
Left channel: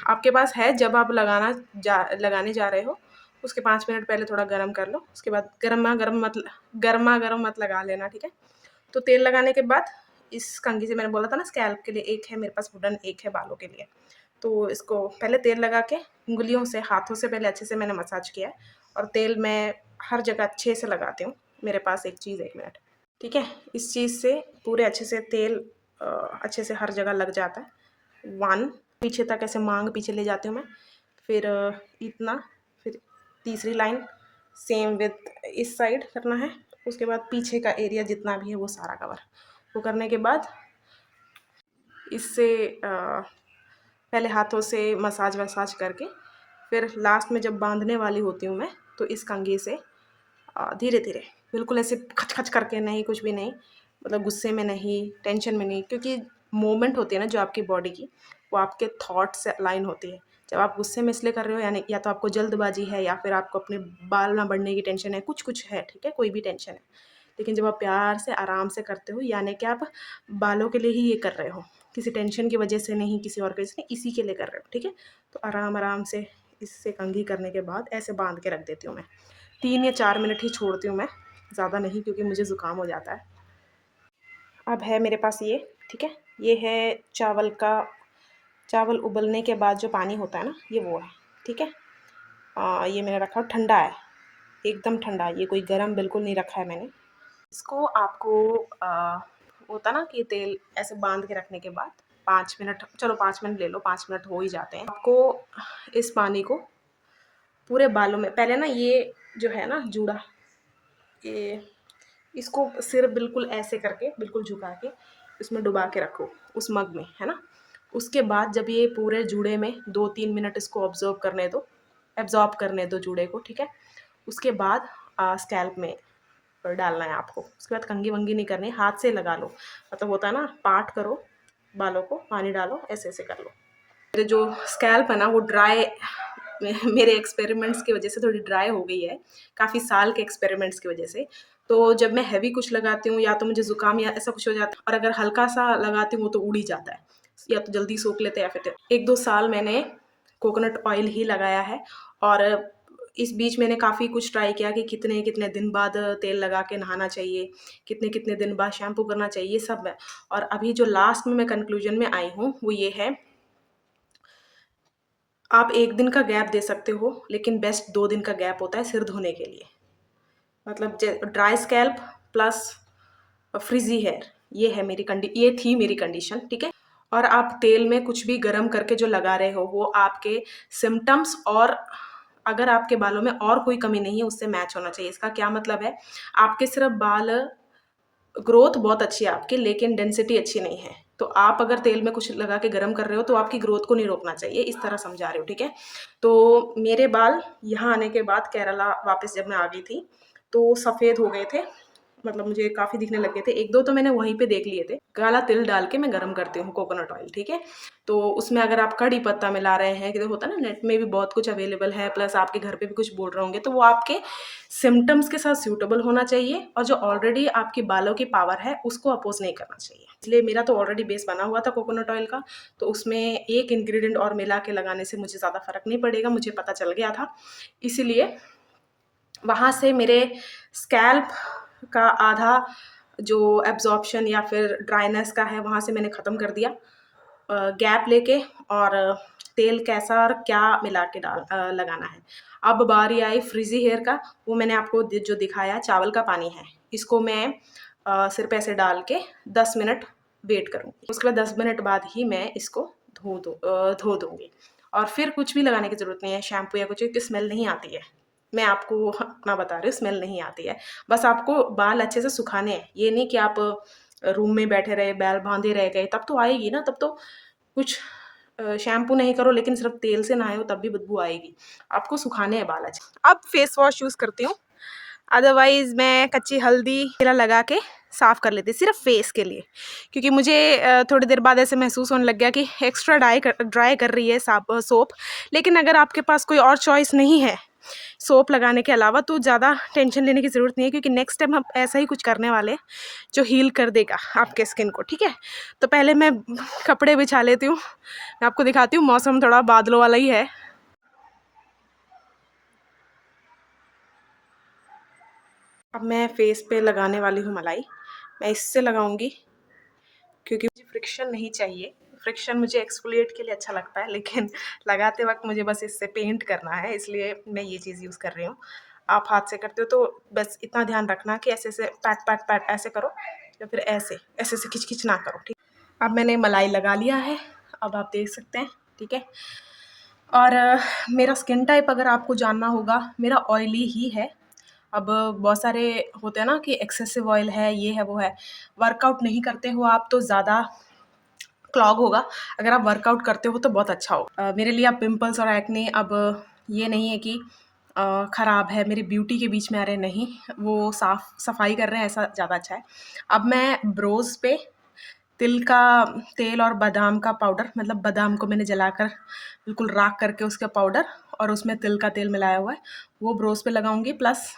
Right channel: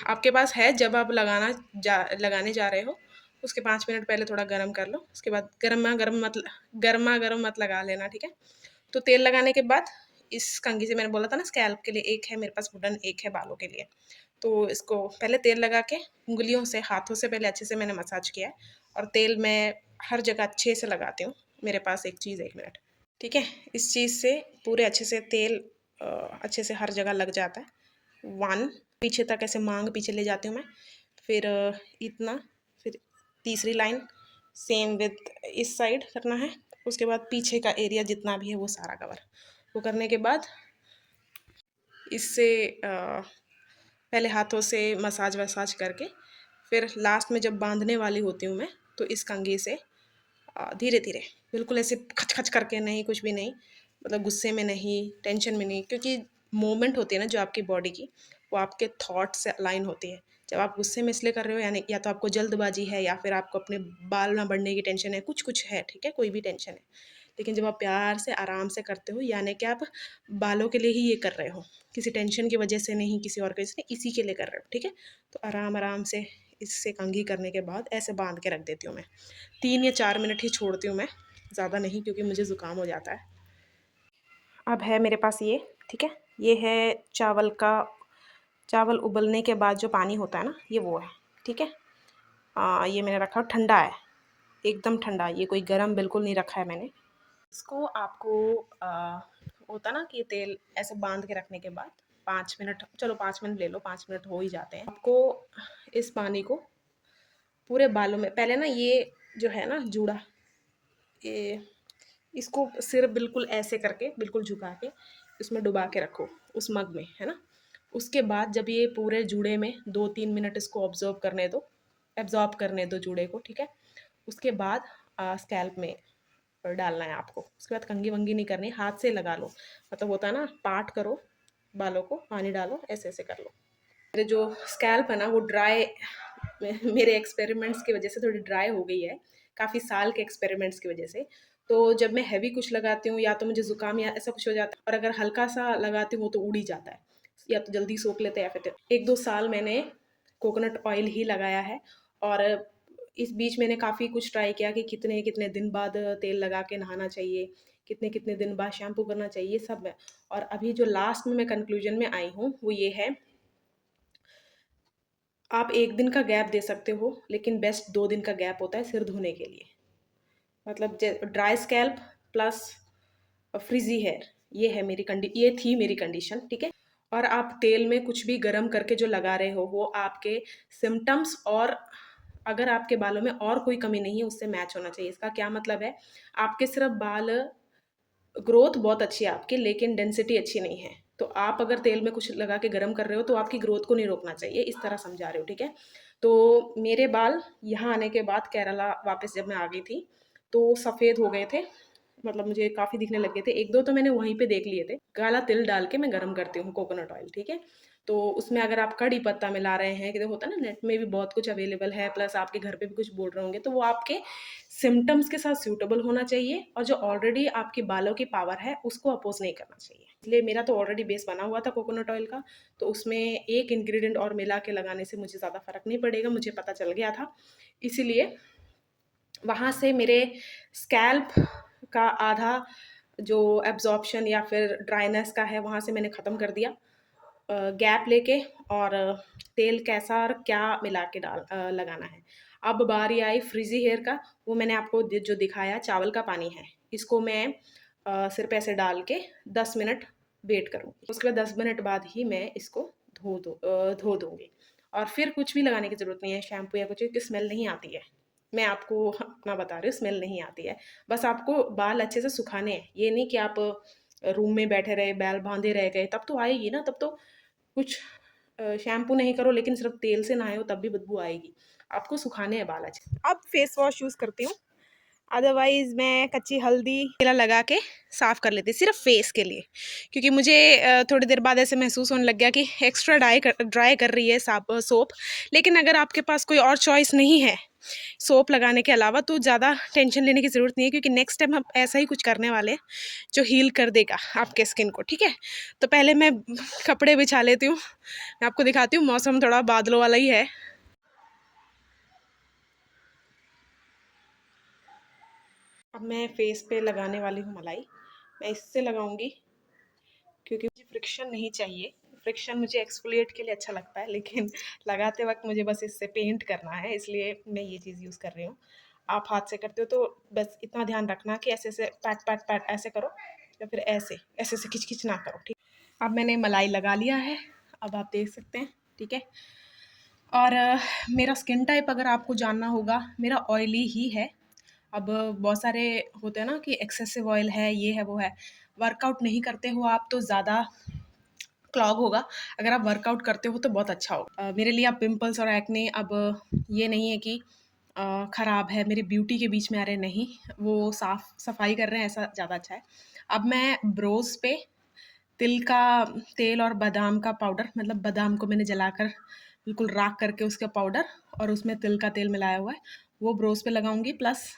आपके पास है, जब आप लगाने जा रहे हो उसके 5 मिनट पहले थोड़ा गर्म कर लो, उसके बाद गरमा गर्म मत लगा लेना, ठीक है? तो तेल लगाने के बाद इस कंघी से, मैंने बोला था ना स्कैल्प के लिए एक है मेरे पास वुडन, एक है बालों के लिए, तो इसको पहले तेल लगा के उंगलियों से, हाथों से पहले अच्छे से मैंने मसाज किया है, और तेल मैं हर जगह अच्छे से लगाती हूँ। मेरे पास एक चीज़, 1 मिनट, ठीक है? इस चीज़ से पूरे अच्छे से तेल अच्छे से हर जगह लग जाता है। 1 पीछे तक ऐसे मांग पीछे ले जाती हूँ मैं, फिर इतना, फिर तीसरी लाइन सेम विथ इस साइड करना है, उसके बाद पीछे का एरिया जितना भी है वो सारा कवर। वो करने के बाद इससे पहले हाथों से मसाज वसाज करके, फिर लास्ट में जब बांधने वाली होती हूँ मैं, तो इस कंघी से धीरे धीरे, बिल्कुल ऐसे खच खच करके नहीं, कुछ भी नहीं, मतलब गुस्से में नहीं, टेंशन में नहीं, क्योंकि मूवमेंट होती है ना जो आपकी बॉडी की, वो आपके थॉट से अलाइन होती है। जब आप गुस्से में इसलिए कर रहे हो, यानी या तो आपको जल्दबाजी है, या फिर आपको अपने बाल ना बढ़ने की टेंशन है, कुछ कुछ है, ठीक है, कोई भी टेंशन है। लेकिन जब आप प्यार से आराम से करते हो, यानी कि आप बालों के लिए ही ये कर रहे हो, किसी टेंशन की वजह से नहीं, किसी और वजह से नहीं, इसी के लिए कर रहे हो, ठीक है? तो आराम आराम से इससे कंघी करने के बाद ऐसे बांध के रख देती हूँ मैं। 3 या 4 मिनट ही छोड़ती हूँ मैं, ज़्यादा नहीं, क्योंकि मुझे ज़ुकाम हो जाता है। अब है मेरे पास ये, ठीक है? ये है चावल का, चावल उबलने के बाद जो पानी होता है ना, ये वो है, ठीक है? ये मैंने रखा ठंडा है, एकदम ठंडा, ये कोई गरम बिल्कुल नहीं रखा है मैंने। इसको आपको होता ना कि तेल ऐसे बांध के रखने के बाद 5 मिनट, चलो 5 मिनट ले लो, 5 मिनट हो ही जाते हैं। आपको इस पानी को पूरे बालों में, पहले ना ये जो है ना जूड़ा, ये इसको सिर बिल्कुल ऐसे करके बिल्कुल झुका के इसमें डुबा के रखो उस मग में, है ना। उसके बाद जब ये पूरे जूड़े में 2-3 मिनट इसको एब्जॉर्ब करने दो जूड़े को, ठीक है। उसके बाद स्कैल्प में डालना है आपको। उसके बाद कंघी वंगी नहीं करनी, हाथ से लगा लो, मतलब होता है ना, पार्ट करो बालों को, पानी डालो, ऐसे ऐसे कर लो। मेरे जो स्कैल्प है ना वो ड्राई, मेरे एक्सपेरिमेंट्स की वजह से थोड़ी ड्राई हो गई है, काफ़ी साल के एक्सपेरिमेंट्स की वजह से। तो जब मैं हैवी कुछ लगाती हूँ या तो मुझे ज़ुकाम या ऐसा कुछ हो जाता है, और अगर हल्का सा लगाती हूँ वो तो उड़ ही जाता है, या तो जल्दी सोख लेते हैं या फिर 1-2 साल मैंने कोकोनट ऑयल ही लगाया है। और इस बीच मैंने काफ़ी कुछ ट्राई किया कि कितने-कितने दिन बाद तेल लगा के नहाना चाहिए, कितने-कितने दिन बाद शैम्पू करना चाहिए, सब है। और अभी जो लास्ट में मैं कंक्लूजन में आई हूँ वो ये है, आप 1 दिन का गैप दे सकते हो, लेकिन बेस्ट 2 दिन का गैप होता है सिर धोने के लिए। मतलब dry scalp plus frizzy hair, ये थी मेरी कंडीशन, ठीक है। और आप तेल में कुछ भी गर्म करके जो लगा रहे हो वो आपके सिम्टम्स, और अगर आपके बालों में और कोई कमी नहीं है उससे मैच होना चाहिए। इसका क्या मतलब है, आपके सिर्फ बाल, ग्रोथ बहुत अच्छी है आपकी, लेकिन डेंसिटी अच्छी नहीं है। तो आप अगर तेल में कुछ लगा के गर्म कर रहे हो तो आपकी ग्रोथ को नहीं रोकना चाहिए, इस तरह समझा रहे हो, ठीक है। तो मेरे बाल यहाँ आने के बाद, केरला वापस जब मैं आ गई थी, तो सफ़ेद हो गए थे, मतलब मुझे काफ़ी दिखने लग गए थे। 1-2 तो मैंने वहीं पे देख लिए थे। काला तिल डाल के मैं गरम करती हूँ कोकोनट ऑयल, ठीक है। तो उसमें अगर आप कड़ी पत्ता मिला रहे हैं, कि होता है ना, नेट में भी बहुत कुछ अवेलेबल है, प्लस आपके घर पे भी कुछ बोल रहे होंगे, तो वो आपके सिम्पटम्स के साथ सूटेबल होना चाहिए, और जो ऑलरेडी आपकी बालों की पावर है उसको अपोज नहीं करना चाहिए। इसलिए मेरा तो ऑलरेडी बेस बना हुआ था कोकोनट ऑयल का, तो उसमें एक इंग्रेडिएंट और मिला के लगाने से मुझे ज़्यादा फ़र्क नहीं पड़ेगा, मुझे पता चल गया था। इसीलिए वहाँ से मेरे स्कैल्प का आधा जो एब्जॉर्प्शन या फिर ड्राइनेस का है, वहाँ से मैंने ख़त्म कर दिया गैप लेके, और तेल कैसा और क्या मिला के लगाना है। अब बारी आई फ्रिजी हेयर का, वो मैंने आपको जो दिखाया चावल का पानी है, इसको मैं सिर पे ऐसे डाल के 10 मिनट वेट करूँगी। उसके बाद 10 मिनट बाद ही मैं इसको धो दूँगी, और फिर कुछ भी लगाने की ज़रूरत नहीं है, शैम्पू या कुछ, क्योंकि स्मेल नहीं आती है। मैं आपको अपना बता रही हूँ, स्मेल नहीं आती है। बस आपको बाल अच्छे से सुखाने हैं, ये नहीं कि आप रूम में बैठे रहे, बैल बांधे रह गए, तब तो आएगी ना, तब तो कुछ शैम्पू नहीं करो लेकिन सिर्फ तेल से नहाए हो तब भी बदबू आएगी। आपको सुखाने हैं बाल अच्छे। अब फेस वॉश यूज़ करती हूँ, अदरवाइज़ मैं कच्ची हल्दी तेल लगा के साफ़ कर लेती, सिर्फ फेस के लिए, क्योंकि मुझे थोड़ी देर बाद ऐसे महसूस होने लग गया कि एक्स्ट्रा ड्राई कर रही है सोप। लेकिन अगर आपके पास कोई और चॉइस नहीं है सोप लगाने के अलावा, तो ज़्यादा टेंशन लेने की ज़रूरत नहीं है, क्योंकि नेक्स्ट टाइम हम ऐसा ही कुछ करने वाले हैं जो हील कर देगा आपके स्किन को, ठीक है। तो पहले मैं कपड़े बिछा लेती हूँ, मैं आपको दिखाती हूँ, मौसम थोड़ा बादलों वाला ही है। अब मैं फेस पे लगाने वाली हूँ मलाई, मैं इससे लगाऊंगी क्योंकि मुझे फ्रिक्शन नहीं चाहिए। फ्रिक्शन मुझे एक्सफोलिएट के लिए अच्छा लगता है, लेकिन लगाते वक्त मुझे बस इससे पेंट करना है, इसलिए मैं ये चीज़ यूज़ कर रही हूँ। आप हाथ से करते हो तो बस इतना ध्यान रखना कि ऐसे ऐसे पैट पैट पैट ऐसे करो, या फिर ऐसे ऐसे ऐसे खिंच खिंच ना करो, ठीक। अब मैंने मलाई लगा लिया है, अब आप देख सकते हैं, ठीक है। और मेरा स्किन टाइप अगर आपको जानना होगा, मेरा ऑयली ही है। अब बहुत सारे होते हैं ना कि एक्सेसिव ऑयल है, ये है, वो है। वर्कआउट नहीं करते हो आप तो ज़्यादा क्लॉग होगा, अगर आप वर्कआउट करते हो तो बहुत अच्छा होगा। मेरे लिए अब पिंपल्स और एक्ने अब ये नहीं है कि ख़राब है, मेरी ब्यूटी के बीच में आ रहे, नहीं, वो सफाई कर रहे हैं, ऐसा ज़्यादा अच्छा है। अब मैं ब्रोज़ पे तेल और बादाम का पाउडर, मतलब बादाम को मैंने जलाकर बिल्कुल राख करके उसका पाउडर, और उसमें तिल का तेल मिलाया हुआ है, वो ब्रोज़ पे लगाऊंगी। प्लस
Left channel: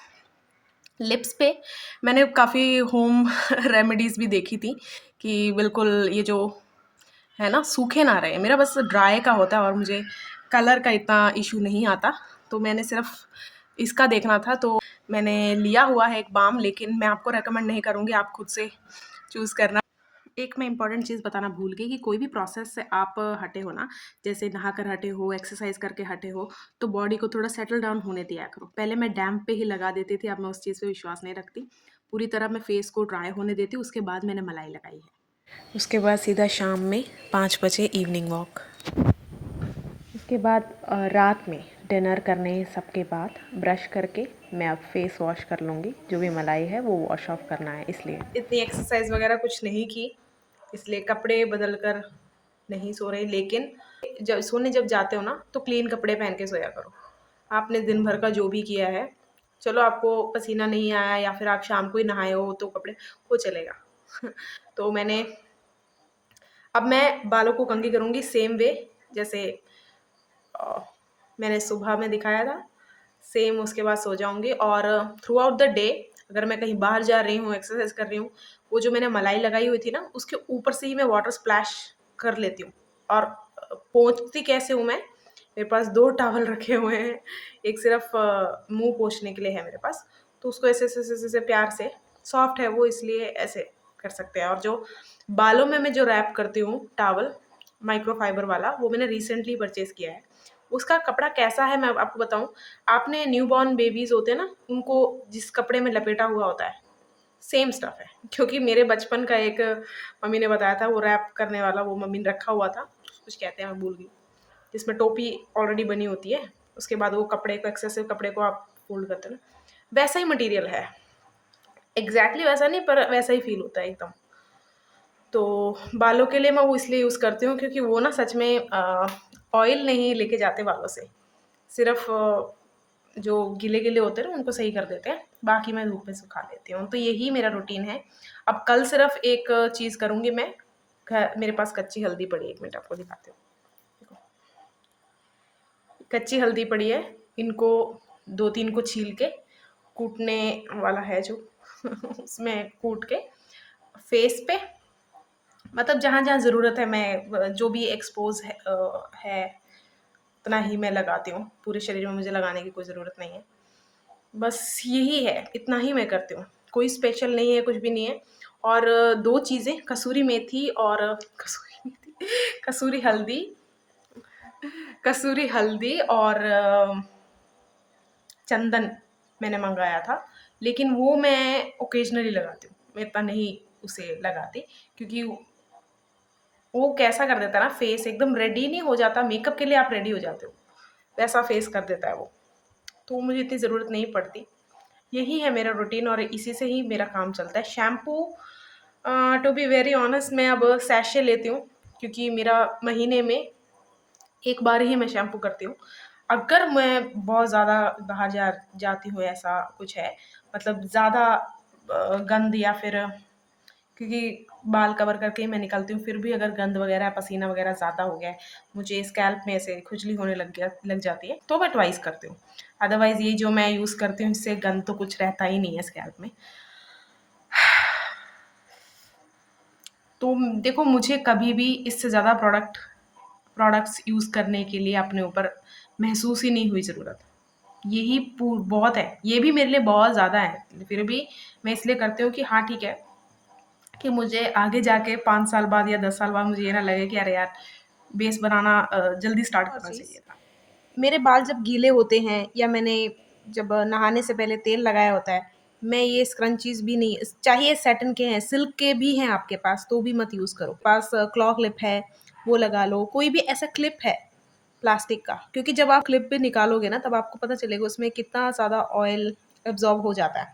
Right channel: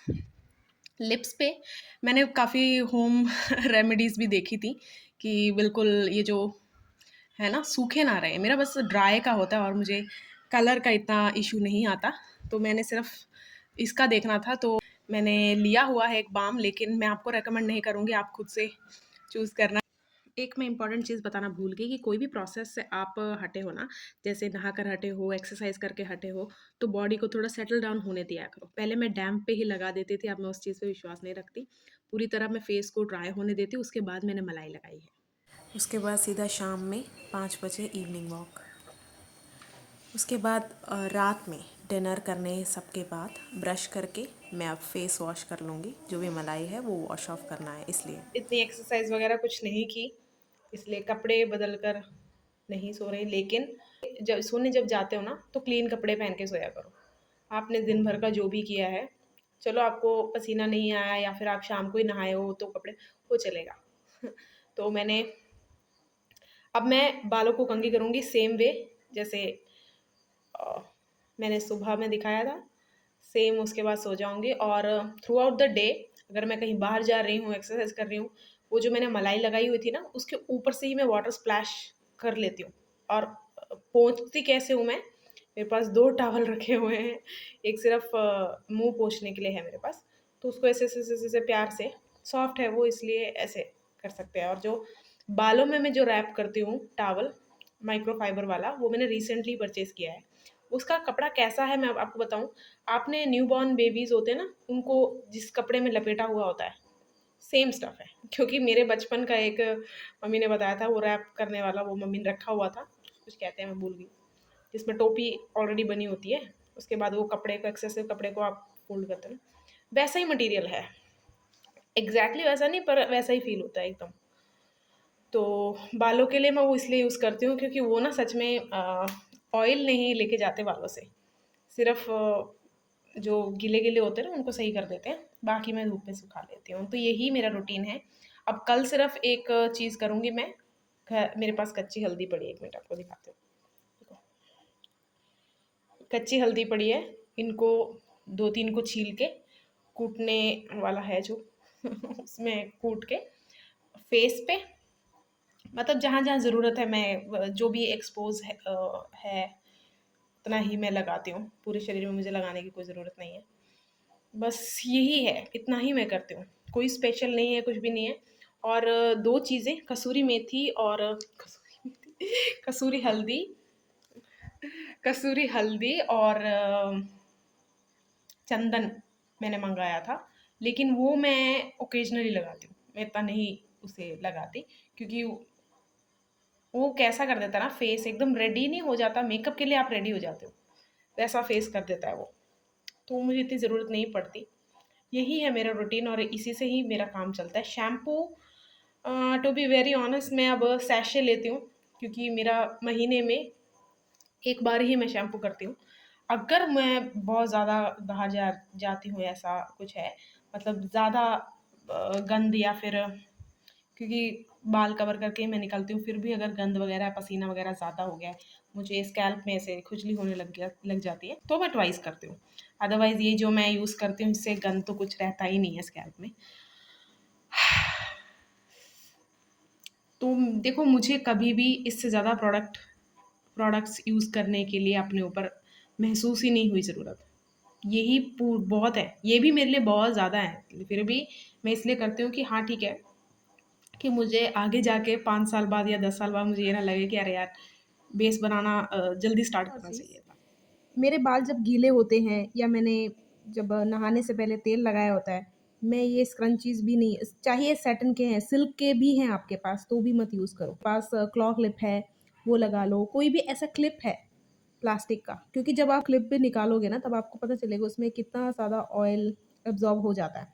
लिप्स पे मैंने काफ़ी होम रेमेडीज़ भी देखी थी कि बिल्कुल ये जो है ना सूखे ना रहे, मेरा बस ड्राई का होता है और मुझे कलर का इतना इशू नहीं आता, तो मैंने सिर्फ इसका देखना था, तो मैंने लिया हुआ है एक बाम, लेकिन मैं आपको रेकमेंड नहीं करूँगी, आप खुद से चूज़ करना। एक मैं इम्पॉर्टेंट चीज़ बताना भूल गई कि कोई भी प्रोसेस से आप हटे हो ना, जैसे नहाकर हटे हो, एक्सरसाइज़ करके हटे हो, तो बॉडी को थोड़ा सेटल डाउन होने दिया करो। पहले मैं डैम्प पे ही लगा देती थी, अब मैं उस चीज़ पे विश्वास नहीं रखती। पूरी तरह मैं फेस को ड्राई होने देती हूँ, उसके बाद मैंने मलाई लगाई है। उसके बाद सीधा शाम में 5 बजे इवनिंग वॉक। उसके बाद रात में डिनर करने सबके बाद ब्रश करके मैं अब फेस वॉश कर लूँगी। जो भी मलाई है वो वॉश ऑफ करना है इसलिए। इतनी एक्सरसाइज वगैरह कुछ नहीं की, इसलिए कपड़े बदल कर नहीं सो रहे। लेकिन जब जाते हो ना तो क्लीन कपड़े पहन के सोया करो। आपने दिन भर का जो भी किया है, चलो आपको पसीना नहीं आया या फिर आप शाम को ही नहाए हो तो कपड़े वो चलेगा। तो अब मैं बालों को कंघी करूँगी सेम वे जैसे मैंने सुबह में दिखाया था, सेम उसके बाद सो जाऊँगी। और थ्रू आउट द डे अगर मैं कहीं बाहर जा रही हूँ, एक्सरसाइज कर रही हूँ, वो जो मैंने मलाई लगाई हुई थी ना, उसके ऊपर से ही मैं वाटर स्प्लैश कर लेती हूँ। और पोंछती कैसे हूँ मैं, मेरे पास 2 टॉवल रखे हुए हैं, एक सिर्फ मुँह पोंछने के लिए है मेरे पास, तो उसको ऐसे प्यार से, सॉफ्ट है वो इसलिए ऐसे कर सकते हैं। और जो बालों में मैं जो रैप करती हूँ टॉवल, माइक्रोफाइबर वाला, वो मैंने रिसेंटली परचेज़ किया है। उसका कपड़ा कैसा है मैं आपको बताऊँ, आपने न्यूबॉर्न बेबीज़ होते हैं ना, उनको जिस कपड़े में लपेटा हुआ होता है, सेम स्टफ़ है। क्योंकि मेरे बचपन का एक मम्मी ने बताया था, वो रैप करने वाला वो मम्मी ने रखा हुआ था, कुछ कहते हैं मैं भूल गई, जिसमें टोपी ऑलरेडी बनी होती है, उसके बाद वो कपड़े को एक्सेसिव कपड़े को आप फ़ोल्ड करते हो ना, वैसा ही मटीरियल है। एग्ज़ैक्टली वैसा नहीं पर वैसा ही फ़ील होता है एकदम। तो बालों के लिए मैं वो इसलिए यूज़ करती हूँ क्योंकि वो ना सच में ऑयल नहीं लेके जाते बालों से, सिर्फ़ जो गीले-गीले होते हैं ना उनको सही कर देते हैं, बाकी मैं धूप में सुखा देती हूँ। तो यही मेरा रूटीन है। अब कल सिर्फ़ एक चीज़ करूँगी मैं, मेरे पास कच्ची हल्दी पड़ी है, 1 मिनट आपको दिखाती हूँ। देखो, कच्ची हल्दी पड़ी है, इनको 2-3 को छील के, कूटने वाला है जो उसमें कूट के फेस पे, मतलब जहाँ-जहाँ ज़रूरत है मैं जो भी एक्सपोज़ है उतना ही मैं लगाती हूँ। पूरे शरीर में मुझे लगाने की कोई ज़रूरत नहीं है। बस यही है, इतना ही मैं करती हूँ। कोई स्पेशल नहीं है, कुछ भी नहीं है। और 2 चीज़ें कसूरी मेथी और कसूरी मेथी कसूरी हल्दी और चंदन मैंने मँगाया था। लेकिन वो मैं ऑकेज़नली लगाती हूँ। मैं इतना नहीं उसे लगाती क्योंकि वो कैसा कर देता है ना, फेस एकदम रेडी नहीं हो जाता, मेकअप के लिए आप रेडी हो जाते हो, वैसा फेस कर देता है वो। तो मुझे इतनी ज़रूरत नहीं पड़ती। यही है मेरा रूटीन और इसी से ही मेरा काम चलता है। Shampoo to be very honest मैं अब सैशे लेती हूँ क्योंकि मेरा महीने में 1 बार ही मैं शैम्पू करती हूँ। अगर मैं बहुत ज़्यादा बाहर जाती हूँ, ऐसा कुछ है, मतलब ज़्यादा गंद या फिर क्योंकि बाल कवर करके ही मैं निकलती हूँ, फिर भी अगर गंद वगैरह, पसीना वगैरह ज़्यादा हो गया है, मुझे स्कैल्प में ऐसे खुजली होने लग जाती है, तो मैं ट्वाइस करती हूँ। अदरवाइज़ ये जो मैं यूज़ करती हूँ, इससे गंद तो कुछ रहता ही नहीं है स्कैल्प में। तो देखो, मुझे कभी भी इससे ज़्यादा प्रोडक्ट्स यूज़ करने के लिए अपने ऊपर महसूस ही नहीं हुई ज़रूरत। यही बहुत है, ये भी मेरे लिए बहुत ज़्यादा है। फिर भी मैं इसलिए करती हूँ कि हाँ, ठीक है, कि मुझे आगे जाके 5 साल बाद या 10 साल बाद मुझे ये ना लगे कि अरे यार, बेस बनाना जल्दी स्टार्ट करना चाहिए था। मेरे बाल जब गीले होते हैं या मैंने जब नहाने से पहले तेल लगाया होता है, मैं ये स्क्रंचीज़ भी नहीं, चाहिए सैटिन के हैं, सिल्क के भी हैं आपके पास तो भी मत यूज़ करो। पास क्लॉ क्लिप है, वो लगा लो, कोई भी ऐसा क्लिप है प्लास्टिक का, क्योंकि जब आप क्लिप भी निकालोगे ना तब आपको पता चलेगा उसमें कितना ज़्यादा ऑयल एब्ज़ॉर्ब हो जाता है।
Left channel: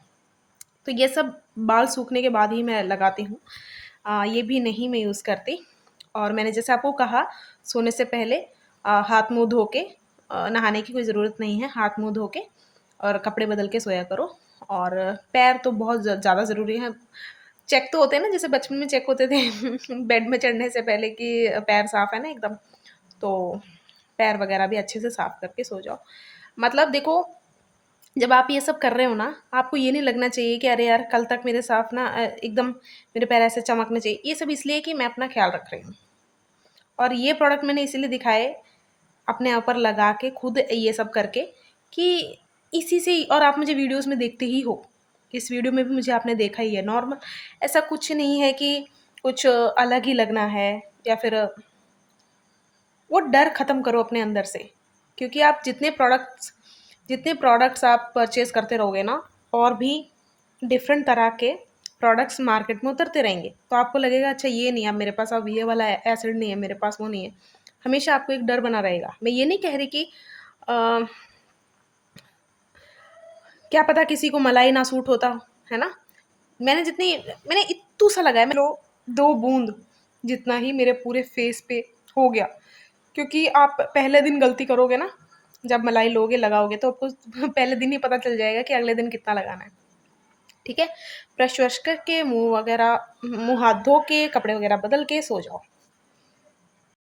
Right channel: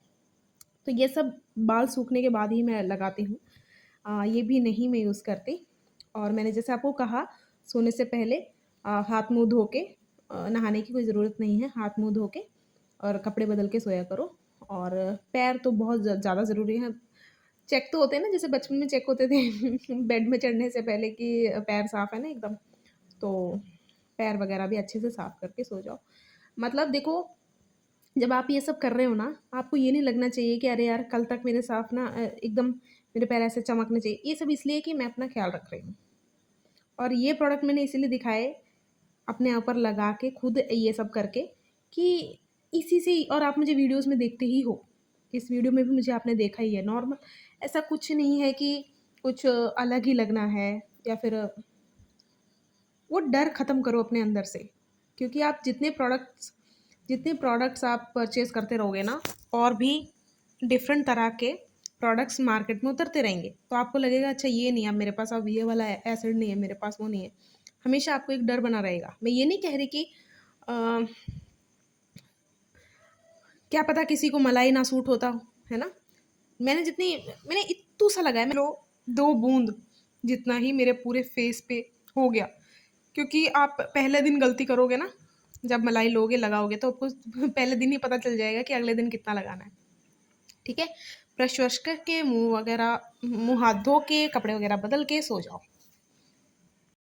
तो ये सब बाल सूखने के बाद ही मैं लगाती हूँ। ये भी नहीं मैं यूज़ करती। और मैंने जैसे आपको कहा, सोने से पहले हाथ मुँह धो के, नहाने की कोई ज़रूरत नहीं है, हाथ मुँह धो के और कपड़े बदल के सोया करो। और पैर तो बहुत ज़्यादा ज़रूरी है। चेक तो होते हैं ना, जैसे बचपन में चेक होते थे बेड में चढ़ने से पहले कि पैर साफ़ है ना एकदम, तो पैर वगैरह भी अच्छे से साफ़ करके सो जाओ। मतलब देखो, जब आप ये सब कर रहे हो ना, आपको ये नहीं लगना चाहिए कि अरे यार, कल तक मेरे साफ़ ना एकदम मेरे पैर ऐसे चमकने चाहिए। ये सब इसलिए कि मैं अपना ख़्याल रख रही हूँ। और ये प्रोडक्ट मैंने इसीलिए दिखाए अपने ऊपर लगा के, खुद ये सब करके, कि इसी से ही। और आप मुझे वीडियोज़ में देखते ही हो, इस वीडियो में भी मुझे आपने देखा ही है। नॉर्मल ऐसा कुछ नहीं है कि कुछ अलग ही लगना है, या फिर वो डर ख़त्म करो अपने अंदर से। क्योंकि आप जितने प्रोडक्ट्स आप परचेज़ करते रहोगे ना, और भी डिफरेंट तरह के प्रोडक्ट्स मार्केट में उतरते रहेंगे, तो आपको लगेगा अच्छा ये नहीं है अब मेरे पास, अब ये वाला एसिड नहीं है मेरे पास, वो नहीं है। हमेशा आपको एक डर बना रहेगा। मैं ये नहीं कह रही कि अ, क्या पता किसी को मलाई ना सूट होता हो, है ना? मैंने इत्तू सा लगाया, मैं लो 2 बूँद जितना ही मेरे पूरे फेस पे हो गया। क्योंकि आप पहले दिन गलती करोगे ना, जब मलाई लोगे, लगाओगे, तो आपको पहले दिन ही पता चल जाएगा कि अगले दिन कितना लगाना है, ठीक है? ब्रश वश करके मुँह हाथ धो के, कपड़े वगैरह बदल के सो जाओ।